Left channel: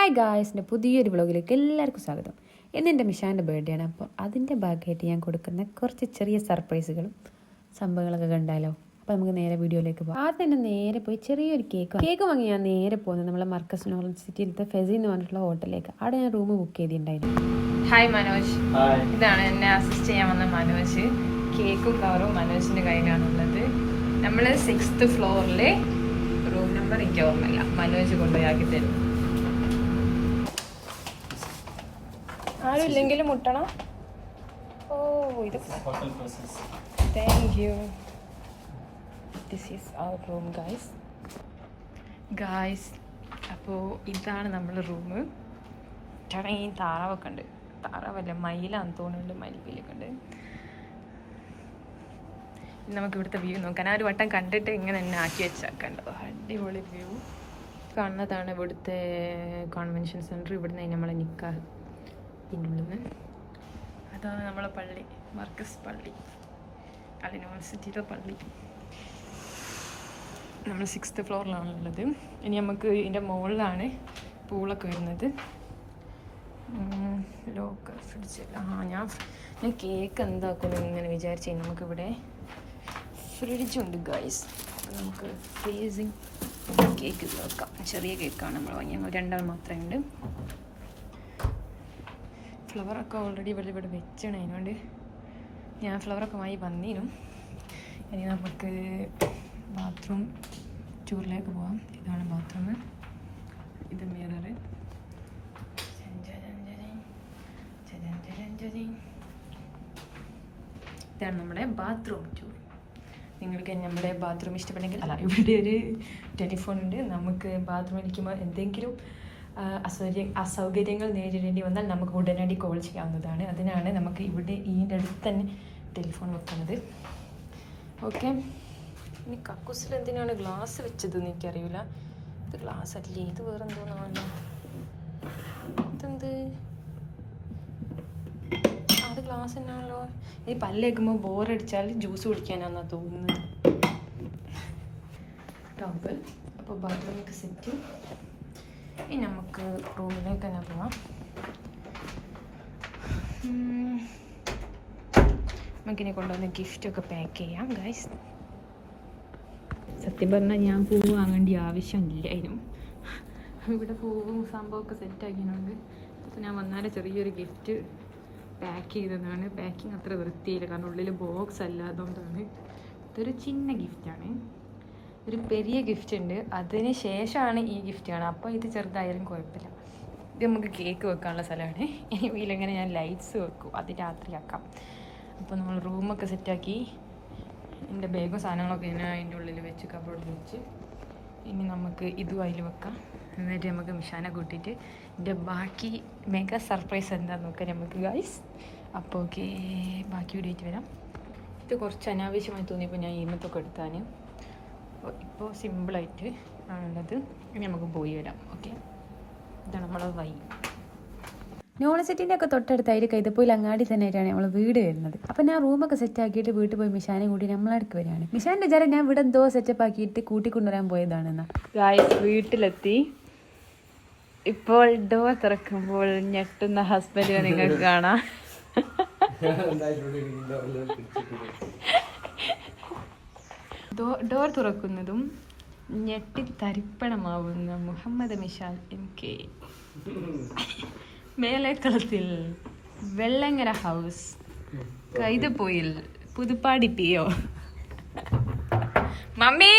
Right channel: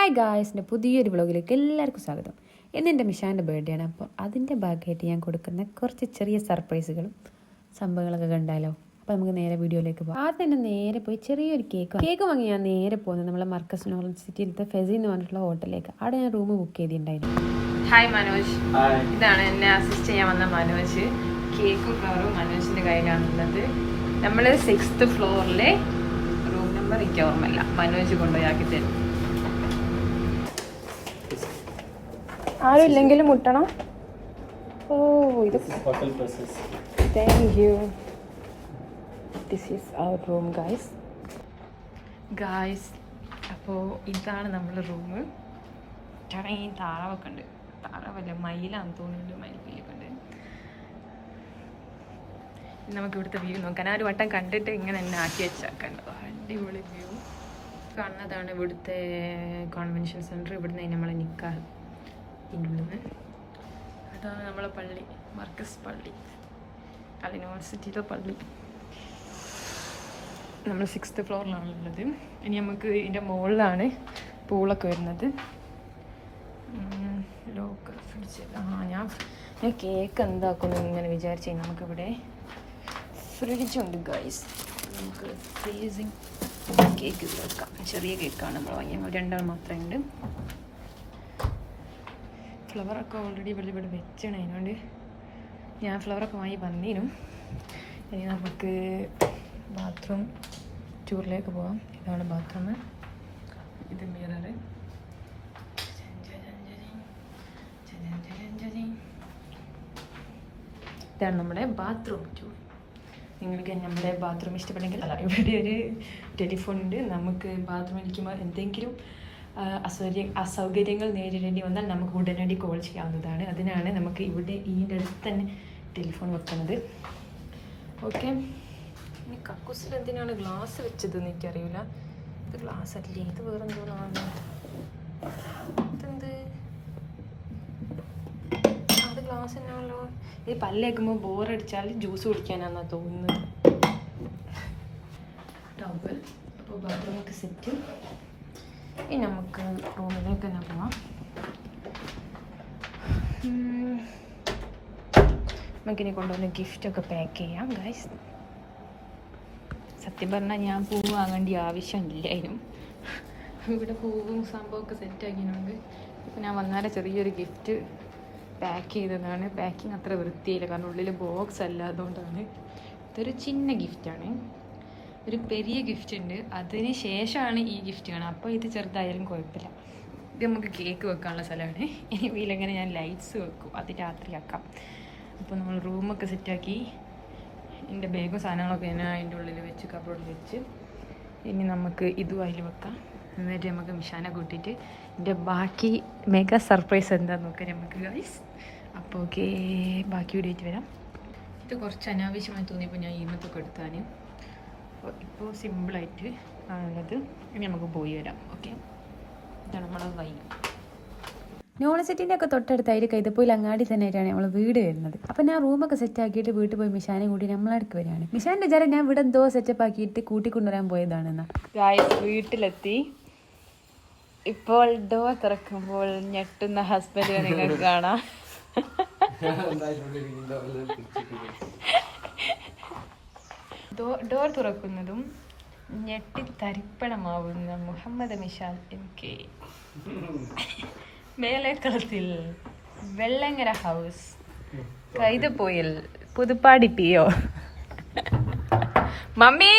Hi guys, എൻ്റെ പുതിയൊരു വ്ളോഗിലേക്ക് എല്ലാവർക്കും സ്വാഗതം. ഇന്ന് എൻ്റെ മിഷാൻ്റെ ബർത്ത്ഡേ ആണ്. അപ്പോൾ അതിൻ്റെ ഭാഗമായിട്ട് ഞാൻ കൊടുക്കുന്ന കുറച്ച് ചെറിയ സർപ്രൈസുകളും സംഭവങ്ങളൊക്കെ കണ്ടാലോ. അപ്പോൾ നമുക്ക് നേരെ വീഡിയോയിലേക്ക് പോകാം. ആദ്യം തന്നെ നേരെ പോയി ചെറിയൊരു കേക്ക് വാങ്ങി ഞാൻ നേരെ പോകുന്നത് നമ്മളെ മർക്കസ് നോളജ് സിറ്റിയിലത്തെ ഫെസി എന്ന് പറഞ്ഞിട്ടുള്ള ഹോട്ടലിലേക്ക്. അവിടെ ഞാൻ റൂം ബുക്ക് ചെയ്തിട്ടുണ്ടായിരുന്നു. ഹായ് മനോജ്, ഇതാണ് എന്നെ അസിസ്റ്റ് ചെയ്യാൻ വന്ന മനോജ്. കേക്കും കവറും മനോജിൻ്റെ കയ്യിലാണുള്ളത്. നമ്മൾ 6th ഫ്ലോറിലെ റൂം നമ്പർ എനിക്ക് ഓർമ്മയില്ല, മനോജ് കൊണ്ടുപോയി ആക്കി തരും. ആരും ഇല്ലെങ്കിലും മുട്ടണം. ഓ, ഇത് thank you. This is our room guys. അപ്പോൾ ഇതാണ് നമ്മളെ റൂം. ചേട്ടാ, ഈ താറാവൊക്കെ ഉണ്ട്. താറാവല്ല, മയിലാന്ന് തോന്നുന്നുണ്ട്, മയിൽപ്പീലൊക്കെ ഉണ്ട്. നമുക്ക് ഇവിടുത്തെ വ്യൂ നോക്കാൻ. ആ ഒരു വട്ടം കണ്ടിട്ട് ഇങ്ങനെ തന്നെ ആക്കി വെച്ചാക്കണ്ടോ. അടിപൊളി വ്യൂ കാണുന്നതാണ് ഇവിടുത്തെ കോൺവെൻഷൻ സെൻറ്റർ. ഇവിടുന്ന് നമ്മളെ നിക്കാഹ് ഇതിൻ്റെ ഉള്ളിൽ നിന്ന്. അതാണ് നമ്മളെ പള്ളി, മർക്കസ് പള്ളി, അത് യൂണിവേഴ്സിറ്റിയിലെ പള്ളി. നമ്മൾ 6th ഫ്ലോറിലാണുള്ളത്. ഇനി നമുക്ക് ഇതിൻ്റെ മുകളിലാണ് പൂളൊക്കെ വരുന്നത്. ലോക്കർ ഫ്രിഡ്ജില്ല. ഞാൻ കേക്ക് എന്താക്കുന്നു ഇങ്ങനെ വിചാരിച്ചു. നമുക്കിവിടെ ഫ്രിഡ്ജുണ്ട് ഗൈസ്. അപ്പോൾ നമുക്ക് ഫ്രീസിങ് കേക്ക് വെക്കാം. ചെറിയ കേക്കാണ് നമ്മൾ വാങ്ങിയത്, 2 മാത്രമേ ഉണ്ട്. ഫ്ലവറൊക്കെ ഓൾറെഡി ഇവിടെ വെച്ചാണ്. അതിനോണ്ട് ഞാൻ ഫ്ലവറൊക്കെ വാങ്ങി വന്നിനും. ഇനി നമുക്ക് ബാത്റൂം ടൂറിലേക്ക് പോകാം. ഇതാണ് ബാത്റൂം, ഇത് മിററ്. ഇതാണ് നമ്മുടെ ബാത്റൂം ടൂർ. നിങ്ങൾക്ക് നമ്മുടെ ബാത്റൂം ഇഷ്ടപ്പെട്ടെങ്കിൽ ഇവിടെ ഒരു ടെലിഫോൺ ഉണ്ട്. നമുക്ക് ബാത്റൂമിൽ ഇരിക്കുമ്പോൾ എന്തെങ്കിലും അസൗകര്യങ്ങൾ നേരിടേണ്ടി വന്നാൽ നമുക്ക് ഉടനടി കോൾ ചെയ്യാവുന്നതാണ്. അതിനാണ് നമുക്ക് ഇവിടെ ഇതിൻ്റെ അടുത്ത് തന്നെ ടെലിഫോൺ വെക്കുന്നത്. ഓക്കെ, ഇനി കക്കൂസിൽ എന്തിനാണ് ഗ്ലാസ് വെച്ചതെന്ന് എനിക്കറിയില്ല. ഇത് ഗ്ലാസ് അല്ലേ, ഇത് വേറെ എന്തോന്നാണ്. ഇതെന്ത്, അത് ഗ്ലാസ് തന്നെയാണല്ലോ. ഈ പല്ലേക്കുമ്പോൾ ബോറടിച്ചാൽ ജ്യൂസ് കുടിക്കാനാണെന്നാണ് തോന്നുന്നത്. ടവൽ. അപ്പോൾ ബാത്റൂമിൻ്റെ സെറ്റ്. ഇനി നമുക്ക് റൂമിലേക്ക് തന്നെ പോവാം. നമുക്കിനി കൊണ്ടുവന്ന് ഗിഫ്റ്റൊക്കെ പാക്ക് ചെയ്യാം ഗൈസ്. സത്യം പറഞ്ഞാൽ ഞാൻ പൂവ് വാങ്ങേണ്ട ആവശ്യമില്ലായിരുന്നു. ഇവിടെ പൂവും സംഭവമൊക്കെ സെറ്റാക്കിയതുകൊണ്ട് ഇപ്പം ഞാൻ വന്നാലും ചെറിയൊരു ഗിഫ്റ്റ് പാക്ക് ചെയ്തതാണ്. പാക്കിങ് അത്ര വൃത്തിയില്ല, കാരണം ഉള്ളിൽ ബോക്സ് അല്ല, അതുകൊണ്ടാണ്. ഇതൊരു ചിന്ന ഗിഫ്റ്റാണ്. ഒരു പെരിയ ഗിഫ്റ്റ് ഉണ്ട്, അതിന് ശേഷമാണ് ഈ ഗിഫ്റ്റ് കാണുക. അപ്പോൾ ഇത് ചെറുതായാലും കുഴപ്പമില്ല. ഇത് നമുക്ക് കേക്ക് വെക്കാനുള്ള സ്ഥലമാണ്. ഇനി വീലെങ്ങനെ ഞാൻ ലൈറ്റ്സ് വെക്കും, അത് രാത്രിയാക്കാം. അപ്പോൾ നമ്മൾ റൂമൊക്കെ സെറ്റാക്കി എൻ്റെ ബാഗും സാധനങ്ങളൊക്കെ ഞാൻ അതിൻ്റെ ഉള്ളിൽ വെച്ച് കബോർഡിൽ വെച്ച്. ഇനി നമുക്ക് ഇതും അതിൽ വെക്കാം. എന്നിട്ട് നമുക്ക് മിഷാനെ കൂട്ടിയിട്ട് എൻ്റെ ബാക്കി മെഗാ സർപ്രൈസ് എന്താണെന്ന് നോക്കാം നമുക്ക് ഗൈസ്. അപ്പോൾ ഓക്കെ, ബാക്കി വീഡിയോയിട്ട് വരാം. ഇത് കുറച്ച് അനാവശ്യമായി തോന്നിയപ്പോൾ ഞാൻ ഈമത്തൊക്കെ എടുത്താൻ. ഇപ്പോൾ സിമ്പിളായിട്ട് ആണുള്ളത്. ഇനി നമുക്ക് പോയി വരാം. ഓക്കെ, ഇതാണ് നമ്മളെ വഴി. യൂണിവേഴ്സിറ്റിൻ്റെ ഒക്കെ തൊട്ടടുത്തായിട്ട് കൈതപ്പോയിൽ അങ്ങാടി തന്നെ ആയിട്ടാണ് നമ്മൾ വീട് വരുന്നത്. അപ്പം ഞാൻ റൂമൊക്കെ സെറ്റ് ആക്കിയിട്ട് വീട്ടിൽ പോയി മിഷാനെ കൂട്ടി നമ്മളടുക്ക് വരികയാണ്. മിഷാൻ്റെ വിചാരം ഞാൻ ഇവിടെ എന്തോ സെറ്റപ്പ് ആക്കിയിട്ട് കൂട്ടിക്കൊണ്ടുവരാൻ പോയതാണെന്നാ. വീട്ടിലെത്തി. ഇപ്പോൾ ഡോർ തുറക്കുമ്പോൾ ഞെട്ടുന്ന ഹസ്ബൻഡിനെ നിങ്ങൾക്ക് കാണാം. ഡോർ തുറക്കുന്നതും ഞെട്ടിത്തരിപ്പണമാവുന്ന Muhammad Mishal MK. Melekkalathil Vellangara house, Kaithapoyil Puthuppadi PO. Mummy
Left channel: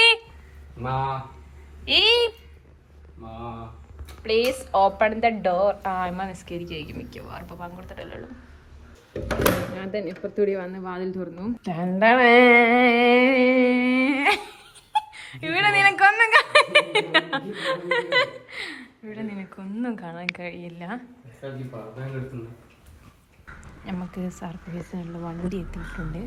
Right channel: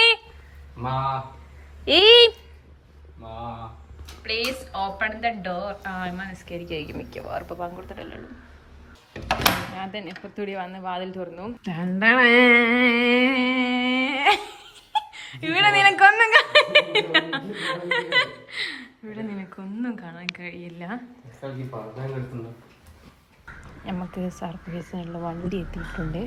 please open the door. മനസ്കരിക്കും മിക്കവാറും ഇപ്പൊ പങ്കുകൊടുത്തിട്ടല്ലോ. അതന്നെ ഇപ്പത്തൂടി വന്ന് വാതിൽ തുറന്നു. ഇവിടെ നിനക്കൊന്നും കാണാൻ കഴിയില്ല. നമുക്ക് സർപ്രൈസിനുള്ള വണ്ടി എത്തിയിട്ടുണ്ട്.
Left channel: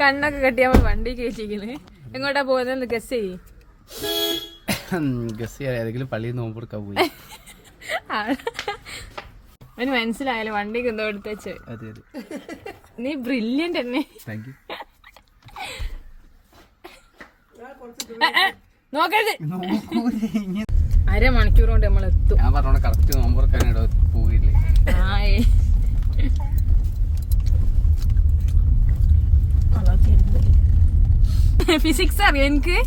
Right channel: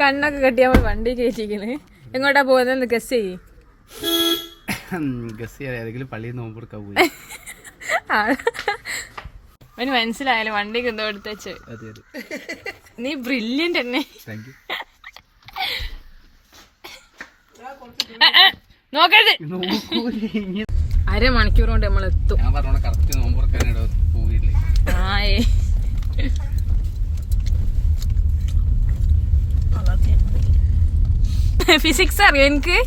കണ്ണൊക്കെ കെട്ടി നമ്മൾ വണ്ടി കയറ്റിക്കല്. എങ്ങോട്ടാ പോകുന്നത് ഗസ് ചെയ്യ്. ഏതെങ്കിലും പള്ളിയിൽ നോമ്പ് കൊടുക്കാൻ പോയി. അവന് മനസ്സിലായാലും വണ്ടിക്ക് എന്തോ എടുത്തേച്ച്. നീ ബ്രില്യന്റ് തന്നെ. നോക്കരുത്. അരമണിക്കൂർ കൊണ്ട് നമ്മൾ എത്തും. ഞാൻ പറഞ്ഞോളെ കറക്റ്റ് നോമ്പുറക്കാനോ പോയില്ലേ. ആയേ ഫിസിക്സ് അറിയോ എനിക്ക്?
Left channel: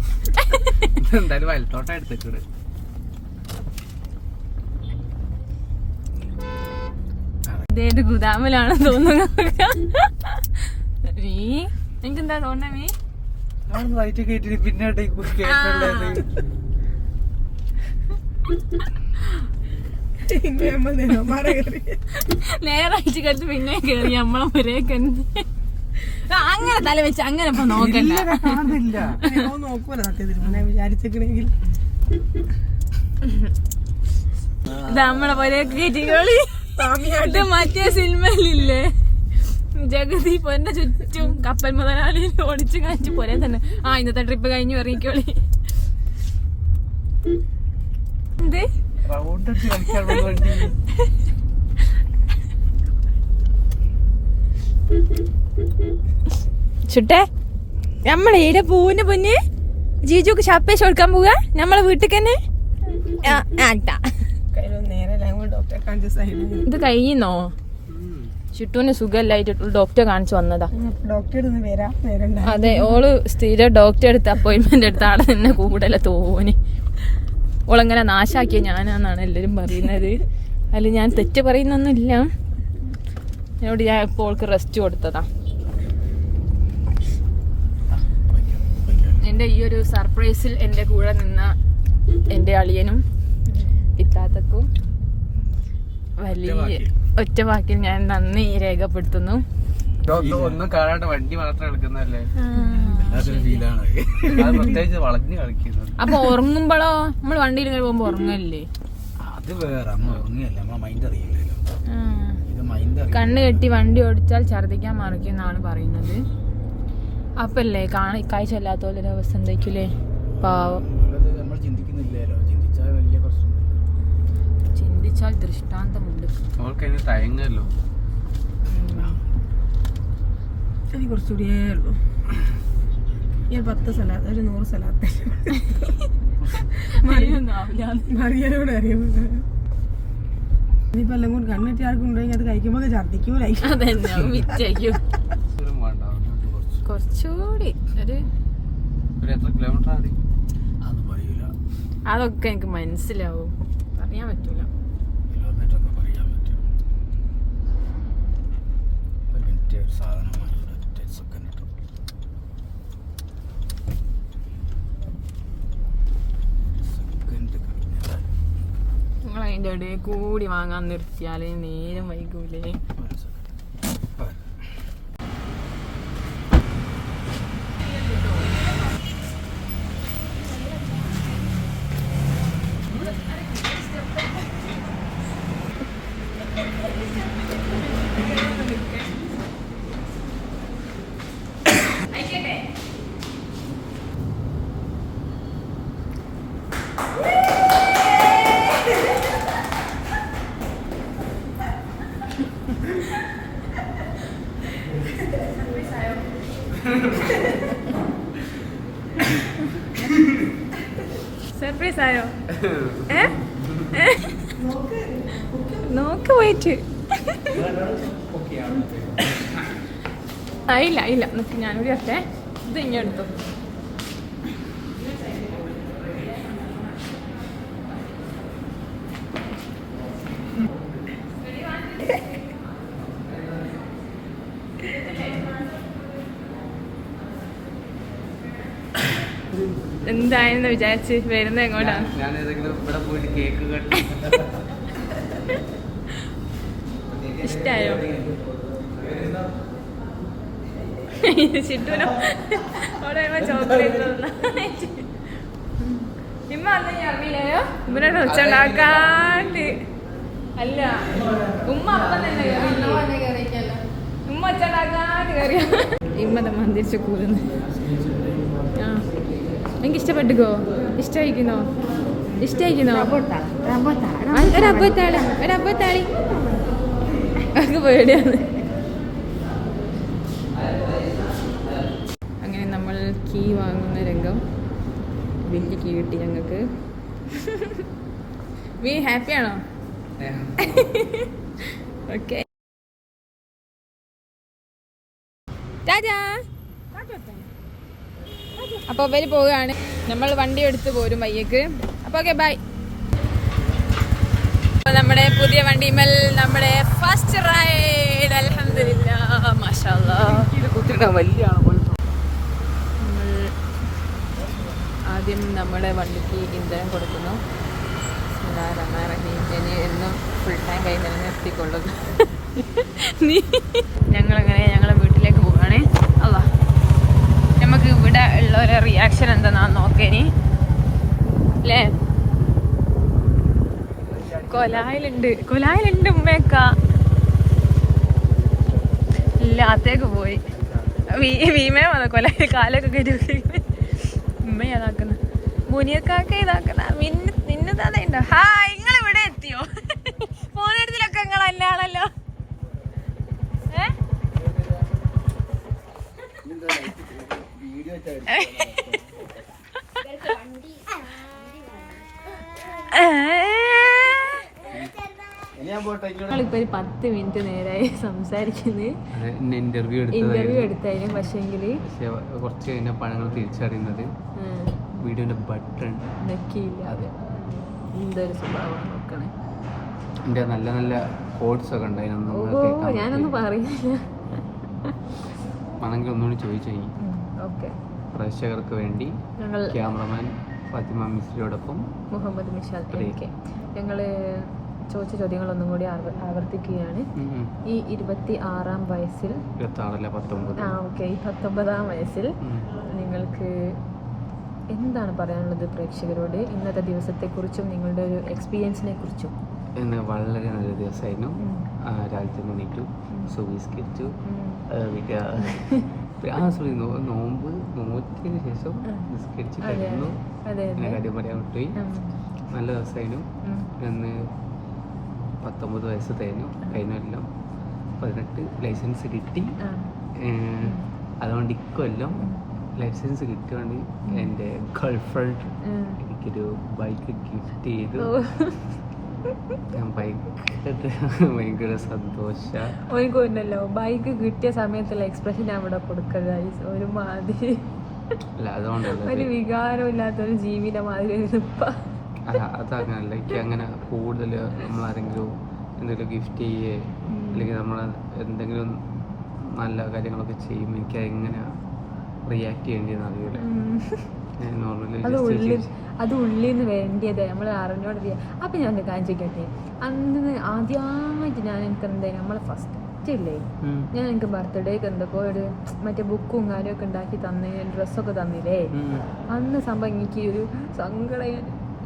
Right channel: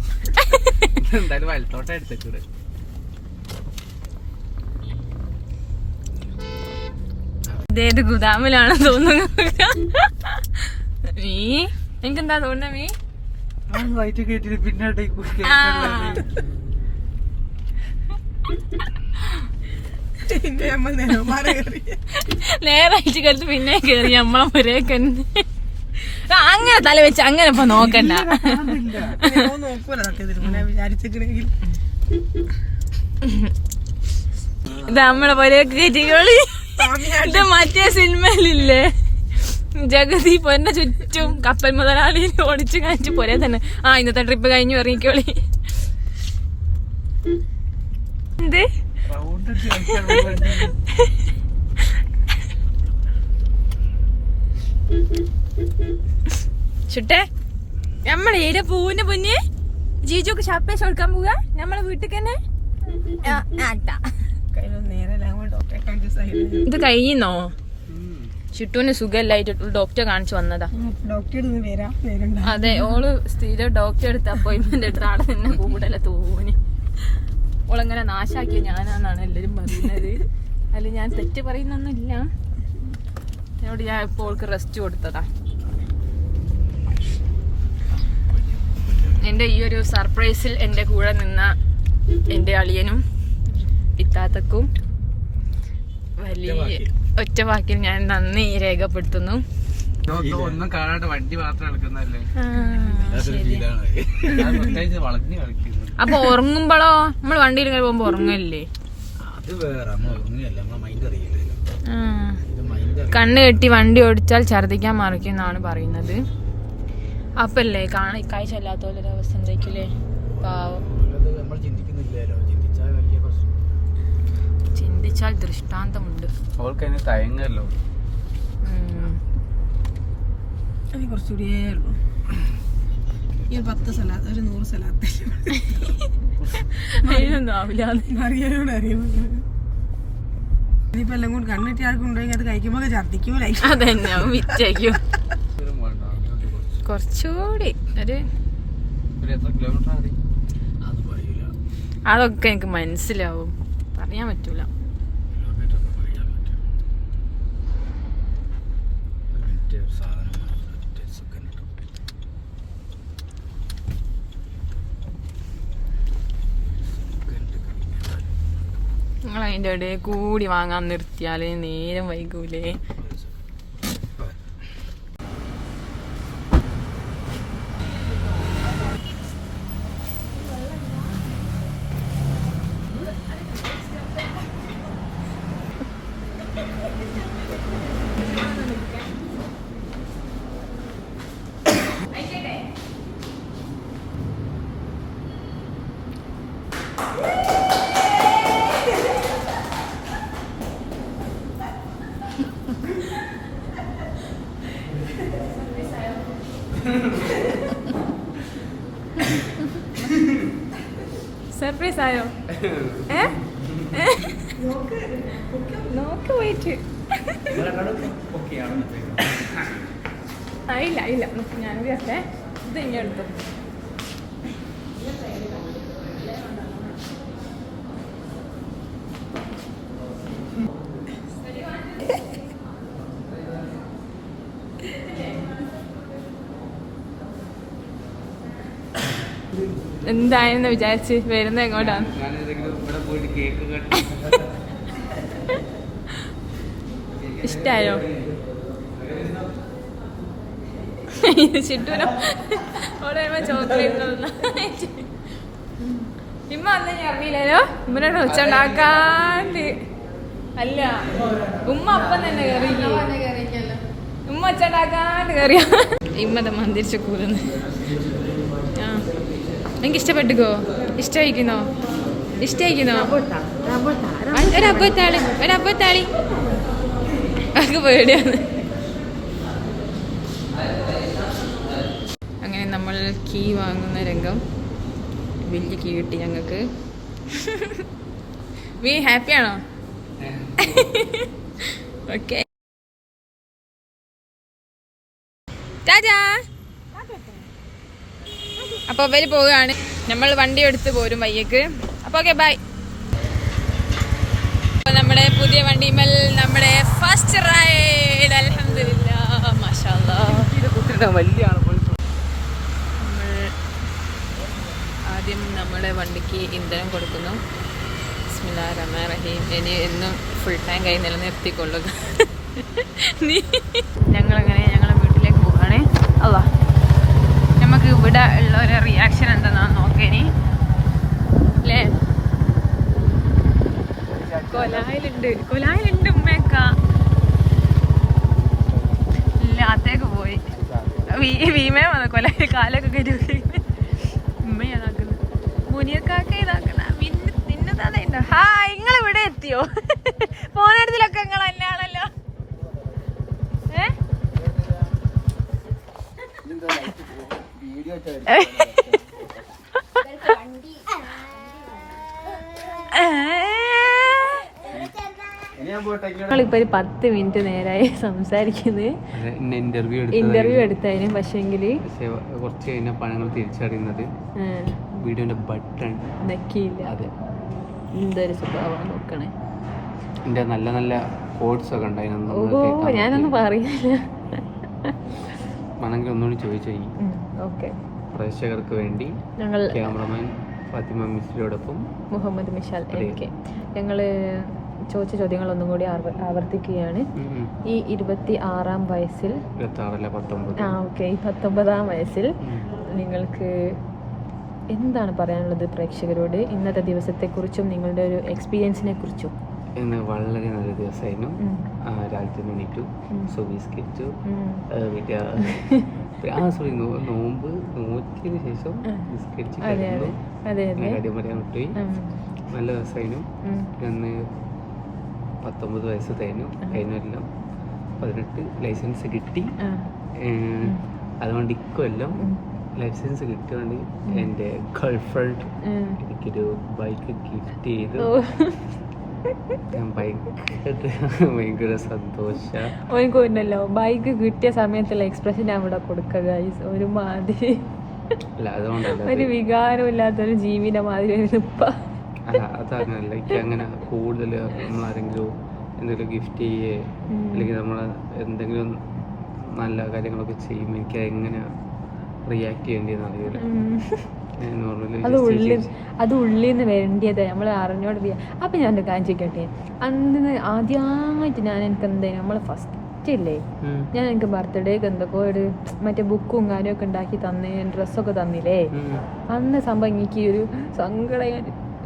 എന്തായാലും വലത്തോട്ടം എടുത്തേക്കൂടെ. ഇതേത് ഗുദാമിലാണ് തോന്നുന്നു. നീ എനിക്കെന്താ തോന്നുന്ന നീ വയറ്റ് കേട്ടിട്ട് പിന്നെ നേരായിട്ട് കഴിച്ച് പിന്നെ കേറി അമ്മ ഒരേക്ക് അങ്ങനെ തല വെച്ച് അങ്ങനെ ഇപ്പൊ നോക്കണ്ട. വിചാരിച്ചെങ്കിൽ ഇത് നമ്മളെ ഒരേക്ക് കയറ്റിക്കോളി. ഇത് മറ്റേ സിനിമയിലില്ലേ ജഗതി പൊന്നെ ചുറ്റും കപ്പൽ മുതലാളി ഓടിച്ചു കാണിച്ചു പോരെ തന്നെ. ഇന്നത്തെ ട്രിപ്പ് കഴിഞ്ഞു ഇറങ്ങിക്കോളി. എന്ത് ചുട്ടേ നമ്മളെ ഏടെ പൂവിന്റെ പൊന്ന് ജീജുക്ക് ഷാപ്പേശ് കൊടുക്കാൻ പോവുക നമ്മളെ വീട്ടിൽ തന്നെ. ഇത് കഴിയുന്നോ? ചുട്ടൂന് സുഖമില്ലായിട്ട് ഡോക്ടറെ കാണിച്ചു വന്നതാ. അതെ, ഓള് സ്ഥിരം ഡോക്ടറെ അടുത്ത് അപ്പോയിന്റ്മെന്റ് എടുത്ത ആളെ തന്നെ കൂടുതല തോന്നി. ഓളങ്ങനെ നാശാക്കിയ ഞാനാന്നാണ് എല്ലാരും പറയുന്നത്. അല്ല ഞാൻ തെറ്റ് പറയുന്നൊന്നുമില്ല. എന്നോട് ഞാൻ ഇപ്പോൾ ഓൾക്ക് റെസ്റ്റ് കൊടുത്തതാ. എൻ്റെ ഈ ഒരു സർപ്രൈസിൽ എൻ്റെ കൂടെ നിന്ന എൻ്റെ അളിയനും ഇത്താത്തക്കും വലിയ ഒറ്റ വാക്കിൽ ഞാൻ നന്ദി രേഖപ്പെടുത്തുന്നു. ഒന്നും കാണാണ്ട് വണ്ടി മാത്രം എടുക്കുന്നല്ലേ. പ്രത്യേകിച്ച് വളഞ്ഞു കളിക്കുന്നു. അപ്പൊ ഉറങ്ങുമ്പോഴോ നമ്മൾ വണ്ടിയിൽ ഇങ്ങനെ പോകുമ്പോ ഉറങ്ങല്ലേ? കണ്ണ് കെട്ടി വണ്ടി ഓടിച്ചാൽ ഛർദിക്കാൻ മറിക്കും എന്നാണ് പറയുന്നത്. അപ്പല്ലേ കാഴ്ച അല്ലാത്തോലൊരു അവസ്ഥ എന്തായിക്കൂലേ? പാവം. ചിന്തിച്ചാൽ ദൃഷ്ടാന്തമുണ്ട്. തയങ്ങല്ലോ. എനിക്ക് കുറച്ചുകൂടിയേ ഉള്ളൂ. ഈ 10 സലാത്ത് ഒരു 100 സലാത്ത് ഇനിയിപ്പോ എല്ലാം കൂടി കണ്ണിട്ടി ആൾക്കുണ്ടെങ്കിൽ അത് കഴിക്കുമ്പോ ഛർദിക്കൂലേ? അതന്നെ വിറ്റയ്ക്കും. കുറച്ചുകൂടി ഒരു അതൊക്കെ എനിക്ക് മനസ്സിലാവും, അറിയാൻ പറ്റൂല. നിങ്ങൾ അതിൻ്റെ ഇടയിൽ കൂടി വാങ്ങാൻ നിർത്തിയാല് നേരം വൈകൂലേ? സർപ്രൈസ് ആയോ? നോക്ക് പോയിട്ട് ഇല്ല ഞാനൊരു ഒക്കെ ഇത് ഇങ്ങെടുത്തു. എന്തായെന്ന് വിചാരിച്ച് വരുന്നത് എങ്ങോട്ടാണ്? ഇഷ്ടായോ? ചിട്ടൂനോ ചോക്ലേറ്റ് ഇമ്മ അന്ന് ഞാൻ അറിയില്ലല്ലോ. ഇമ്മനോട് ഒച്ചുണ്ടാക്കാണ്ട് അല്ല, ഉമ്മ അപ്പം തന്നെ കയറിയില്ല. ഉമ്മ ഒച്ചുണ്ടാക്കാണ്ട് കയറിയ ഇമ്മത മന്ദിരിച്ച് കൂടുന്നു. എനിക്ക് ഇഷ്ടപ്പെട്ടുക്കോ? ഇഷ്ടമായിക്കുന്നോ? ഒരപ്പത്താളി ഒക്കെ പേടിയാണ്. അങ്ങനെ നമ്മൾ കീ വാങ്ങുന്ന രംഗം വലിയ കീ കിട്ടി ഞങ്ങൾക്ക്. വീ ഹാപ്പിയാണോ? ഓക്കെ ടാറ്റാ. അപ്പോൾ അവര് പോവുകയാണ്. നമ്മൾ വണ്ടി എടുത്ത് പോരും വയ്യക്ക്. അപ്പോൾ ഓക്കെ ബൈ. നമ്മുടെ പുതിയ വണ്ടിമേൽ നമ്മുടെ ഫസ്റ്റ് റൈഡ്. അൽഹംദുലില്ലാ മാഷാഅല്ലാഹ്. വലിയ നമ്മൾ ആദ്യം നമ്മുടെ വണ്ടിക്ക് ഇന്ധനം കൊടുക്കുന്നു. ബിസ്മില്ലാഹിർ റഹ്മാനിർ റഹീം. ഇനി എന്നും ഫുൾ ടൈം കൈ നിലനിർത്തിക്കൊള്ളുക. ഞങ്ങളങ്ങനെ ഞങ്ങളെ വീട്ടിലേക്ക് പോവുകയാണ്. അല്ലാ നമുക്ക് ഇവിടെ ഉള്ള ഒരു റിയാക്ഷൻ എന്താണെന്ന് നോക്കേനി അല്ലേ? കൊലായിലുണ്ട് ഉമ്മയൊക്ക ഇല്ല അത്തേക്ക് പോയി. വീമേ വന്ന കൊലായിൽ കാലൊക്കെ കയറ്റി ഉമ്മയാതാക്കുന്നത്. മുനിയക്കാക്ക ഇതാക്കുന്ന നിന്നെ തന്നെ ഉണ്ടോ? ഹായ്, നിങ്ങൾ ഇവിടെ എത്തിയോ? ഫോണെടുത്തിലൊക്കെ നിങ്ങൾ തന്നെയാണല്ലോ. നമ്മളിപ്പോ ഒരു 10 മിനിറ്റ് നേരായി സംസാരിക്കുന്നത്. ഇന്റർവ്യൂ എടുത്തതിന് പക്ഷേങ്കില് കുറച്ച് കഴിഞ്ഞപ്പോൾ ഞങ്ങൾ തിരിച്ചറിയുന്നത് വീഡിയോന്റെ ബട്ടൺ നക്കിയില്ല. അതെ, എന്തൊരു സ്വഭാവം നോക്കണേ. എന്റെ നല്ല നല്ല കോഡ്സ് ഒക്കെ ഉണ്ടായിരുന്നു. ഞാനൊന്നും പറയില്ല. ആണെങ്കിൽ ഒന്നുകൂടി ചോദിച്ചു കഴിഞ്ഞു. ഓക്കെ, പ്രേക്ഷകർക്ക് വേണ്ടി ഞങ്ങൾ ക്യാമറമാൻ ഫാത്തിമ മിസ്രിയോടൊപ്പം മുഹമ്മദ് മിഷാൽ ഞങ്ങള് ചോദിച്ച ചോദ്യങ്ങൾ ഒന്നും കൂടി ആവർത്തിക്കുകയാണ്. ഈ 26-ാം വയസ്സിൽ 19-ാം വയസ്സിൽ നിങ്ങൾക്ക് എന്താണ് പറയാനുള്ളത് പ്രേക്ഷകരോട്? ഇന്നത്തെ ദിവസത്തെക്കുറിച്ചും നിങ്ങളുടെ ഒരു എക്സ്പീരിയൻസിനെ കുറിച്ചും. ഇന്ന് വളരെ നല്ല ദിവസമായിരുന്നു. രാവിലത്തെ എണീറ്റു, സുബീസ്കരിച്ചു, നോമ്പ് നോക്കിയതിന് ശേഷം നിസ്കരിച്ച് കിടന്നു. കാര്യം പറയാൻ വിട്ടുപോയി. നല്ല ദിവസമായിരുന്നു. ഇന്ന് 19 വയസ്സ് തേഞ്ഞു. കഴിഞ്ഞെല്ലാം 18 ലൈസൻസ് കിട്ടി. അതുകൊണ്ട് ഇക്കൊല്ലം ലൈസൻസ് കിട്ടുകൊണ്ട് എൻ്റെ ഗേൾഫ്രണ്ട് എനിക്കൊരു ബൈക്ക് ഗിഫ്റ്റ് ചെയ്തു. ഞാൻ ഭയങ്കര സന്തോഷല്ലോ. ബൈക്ക് കിട്ടിയ സമയത്തുള്ള എക്സ്പ്രഷൻ അവിടെ കൊടുക്കുക ഒരു മാതിരി. അല്ല അതുകൊണ്ടല്ല, ഒരു വികാരമില്ലാത്തൊരു ജീവിയുടെ മാതിരി. അല്ല അതങ്ങനല്ല, എനിക്ക് അങ്ങനെ കൂടുതൽ നമ്മളാരെങ്കിലും എന്തെങ്കിലും ഗിഫ്റ്റ് ചെയ്യേ അല്ലെങ്കിൽ നമ്മൾ എന്തെങ്കിലും നല്ല കാര്യങ്ങളൊക്കെ ചെയ്യുമ്പോൾ എനിക്ക് എങ്ങനെ റിയാക്ട് ചെയ്യേണ്ടതെന്ന് അറിയില്ല. അത് ഉള്ളിൽ നിന്ന് വേണ്ടിയത് നമ്മൾ അറിഞ്ഞോണ്ട്. അപ്പം ഞാൻ കാര്യം ചോദിക്കട്ടെ, അന്ന് ആദ്യമായിട്ട് ഞാൻ എനിക്ക് എന്തായാലും നമ്മളെ ഫസ്റ്റ് ഇല്ലേ, ഞാൻ എനിക്ക് ബർത്ത്ഡേക്ക് എന്തൊക്കെ ഒരു മറ്റേ ബുക്കും കാര്യമൊക്കെ ഉണ്ടാക്കി തന്നേ, ഡ്രസ്സൊക്കെ തന്നില്ലേ, അന്ന് സംഭവം എനിക്ക് ഒരു സങ്കടം.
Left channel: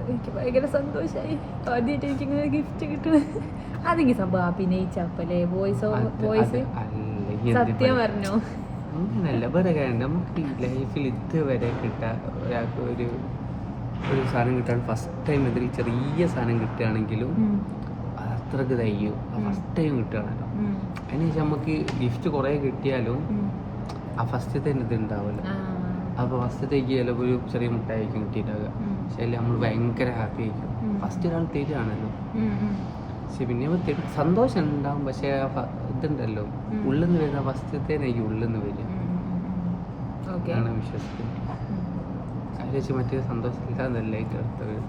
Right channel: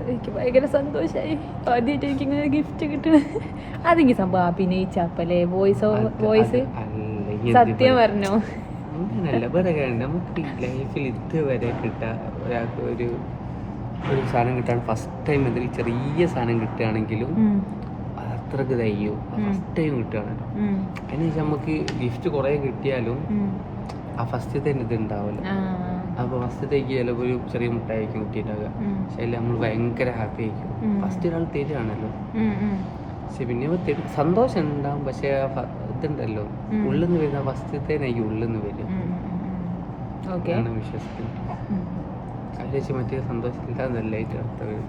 എനിക്ക് ഭയങ്കര സന്തോഷമായി. ആദ്യമായിട്ട് എനിക്ക് ഇങ്ങനെ ഗിഫ്റ്റ് കിട്ടണേ. അതെനിക്ക് സംഭവം അഭിനയിച്ചപ്പല്ലേ വോയിസ് സത്യം പറഞ്ഞോ? അങ്ങനല്ല, വേറെ കാര്യം നമുക്ക് ലൈഫിൽ ഇതുവരെ കിട്ടാൻ ഒരാൾക്ക് ഒരു സാധനം കിട്ടാൻ ഫസ്റ്റ് ടൈം എന്തെങ്കിലും ചെറിയ സാധനം കിട്ടുകയാണെങ്കിലും അത് അത്രക്ക് തയ്യും. First time കിട്ടുകയാണല്ലോ. അതിനുശേഷം നമുക്ക് ഗിഫ്റ്റ് കുറേ കിട്ടിയാലും ആ ഫസ്റ്റത്തെ ഇത് ഉണ്ടാവില്ല. അപ്പോൾ ഫസ്റ്റത്തേക്ക് ചിലപ്പോൾ ഒരു ചെറിയ മുട്ടായിരിക്കും കിട്ടിയിട്ടുണ്ടാവുക. പക്ഷെ അതിൽ നമ്മൾ ഭയങ്കര ഹാപ്പി ആയിരിക്കും. ഫസ്റ്റ് ഒരാൾ തരുവാണല്ലോ. പക്ഷെ പിന്നെ സന്തോഷം ഉണ്ടാവും. പക്ഷെ ഇതുണ്ടല്ലോ, ഉള്ളിൽ നിന്ന് വരുന്ന ഫസ്റ്റത്തേനായിരിക്കും ഉള്ളിൽ നിന്ന് വരിക. ആണ് വിശ്വസിക്കുന്നത്. അതിൽ വെച്ച് മറ്റേ സന്തോഷമില്ലാന്നല്ലായിട്ട് അർത്ഥം വരും.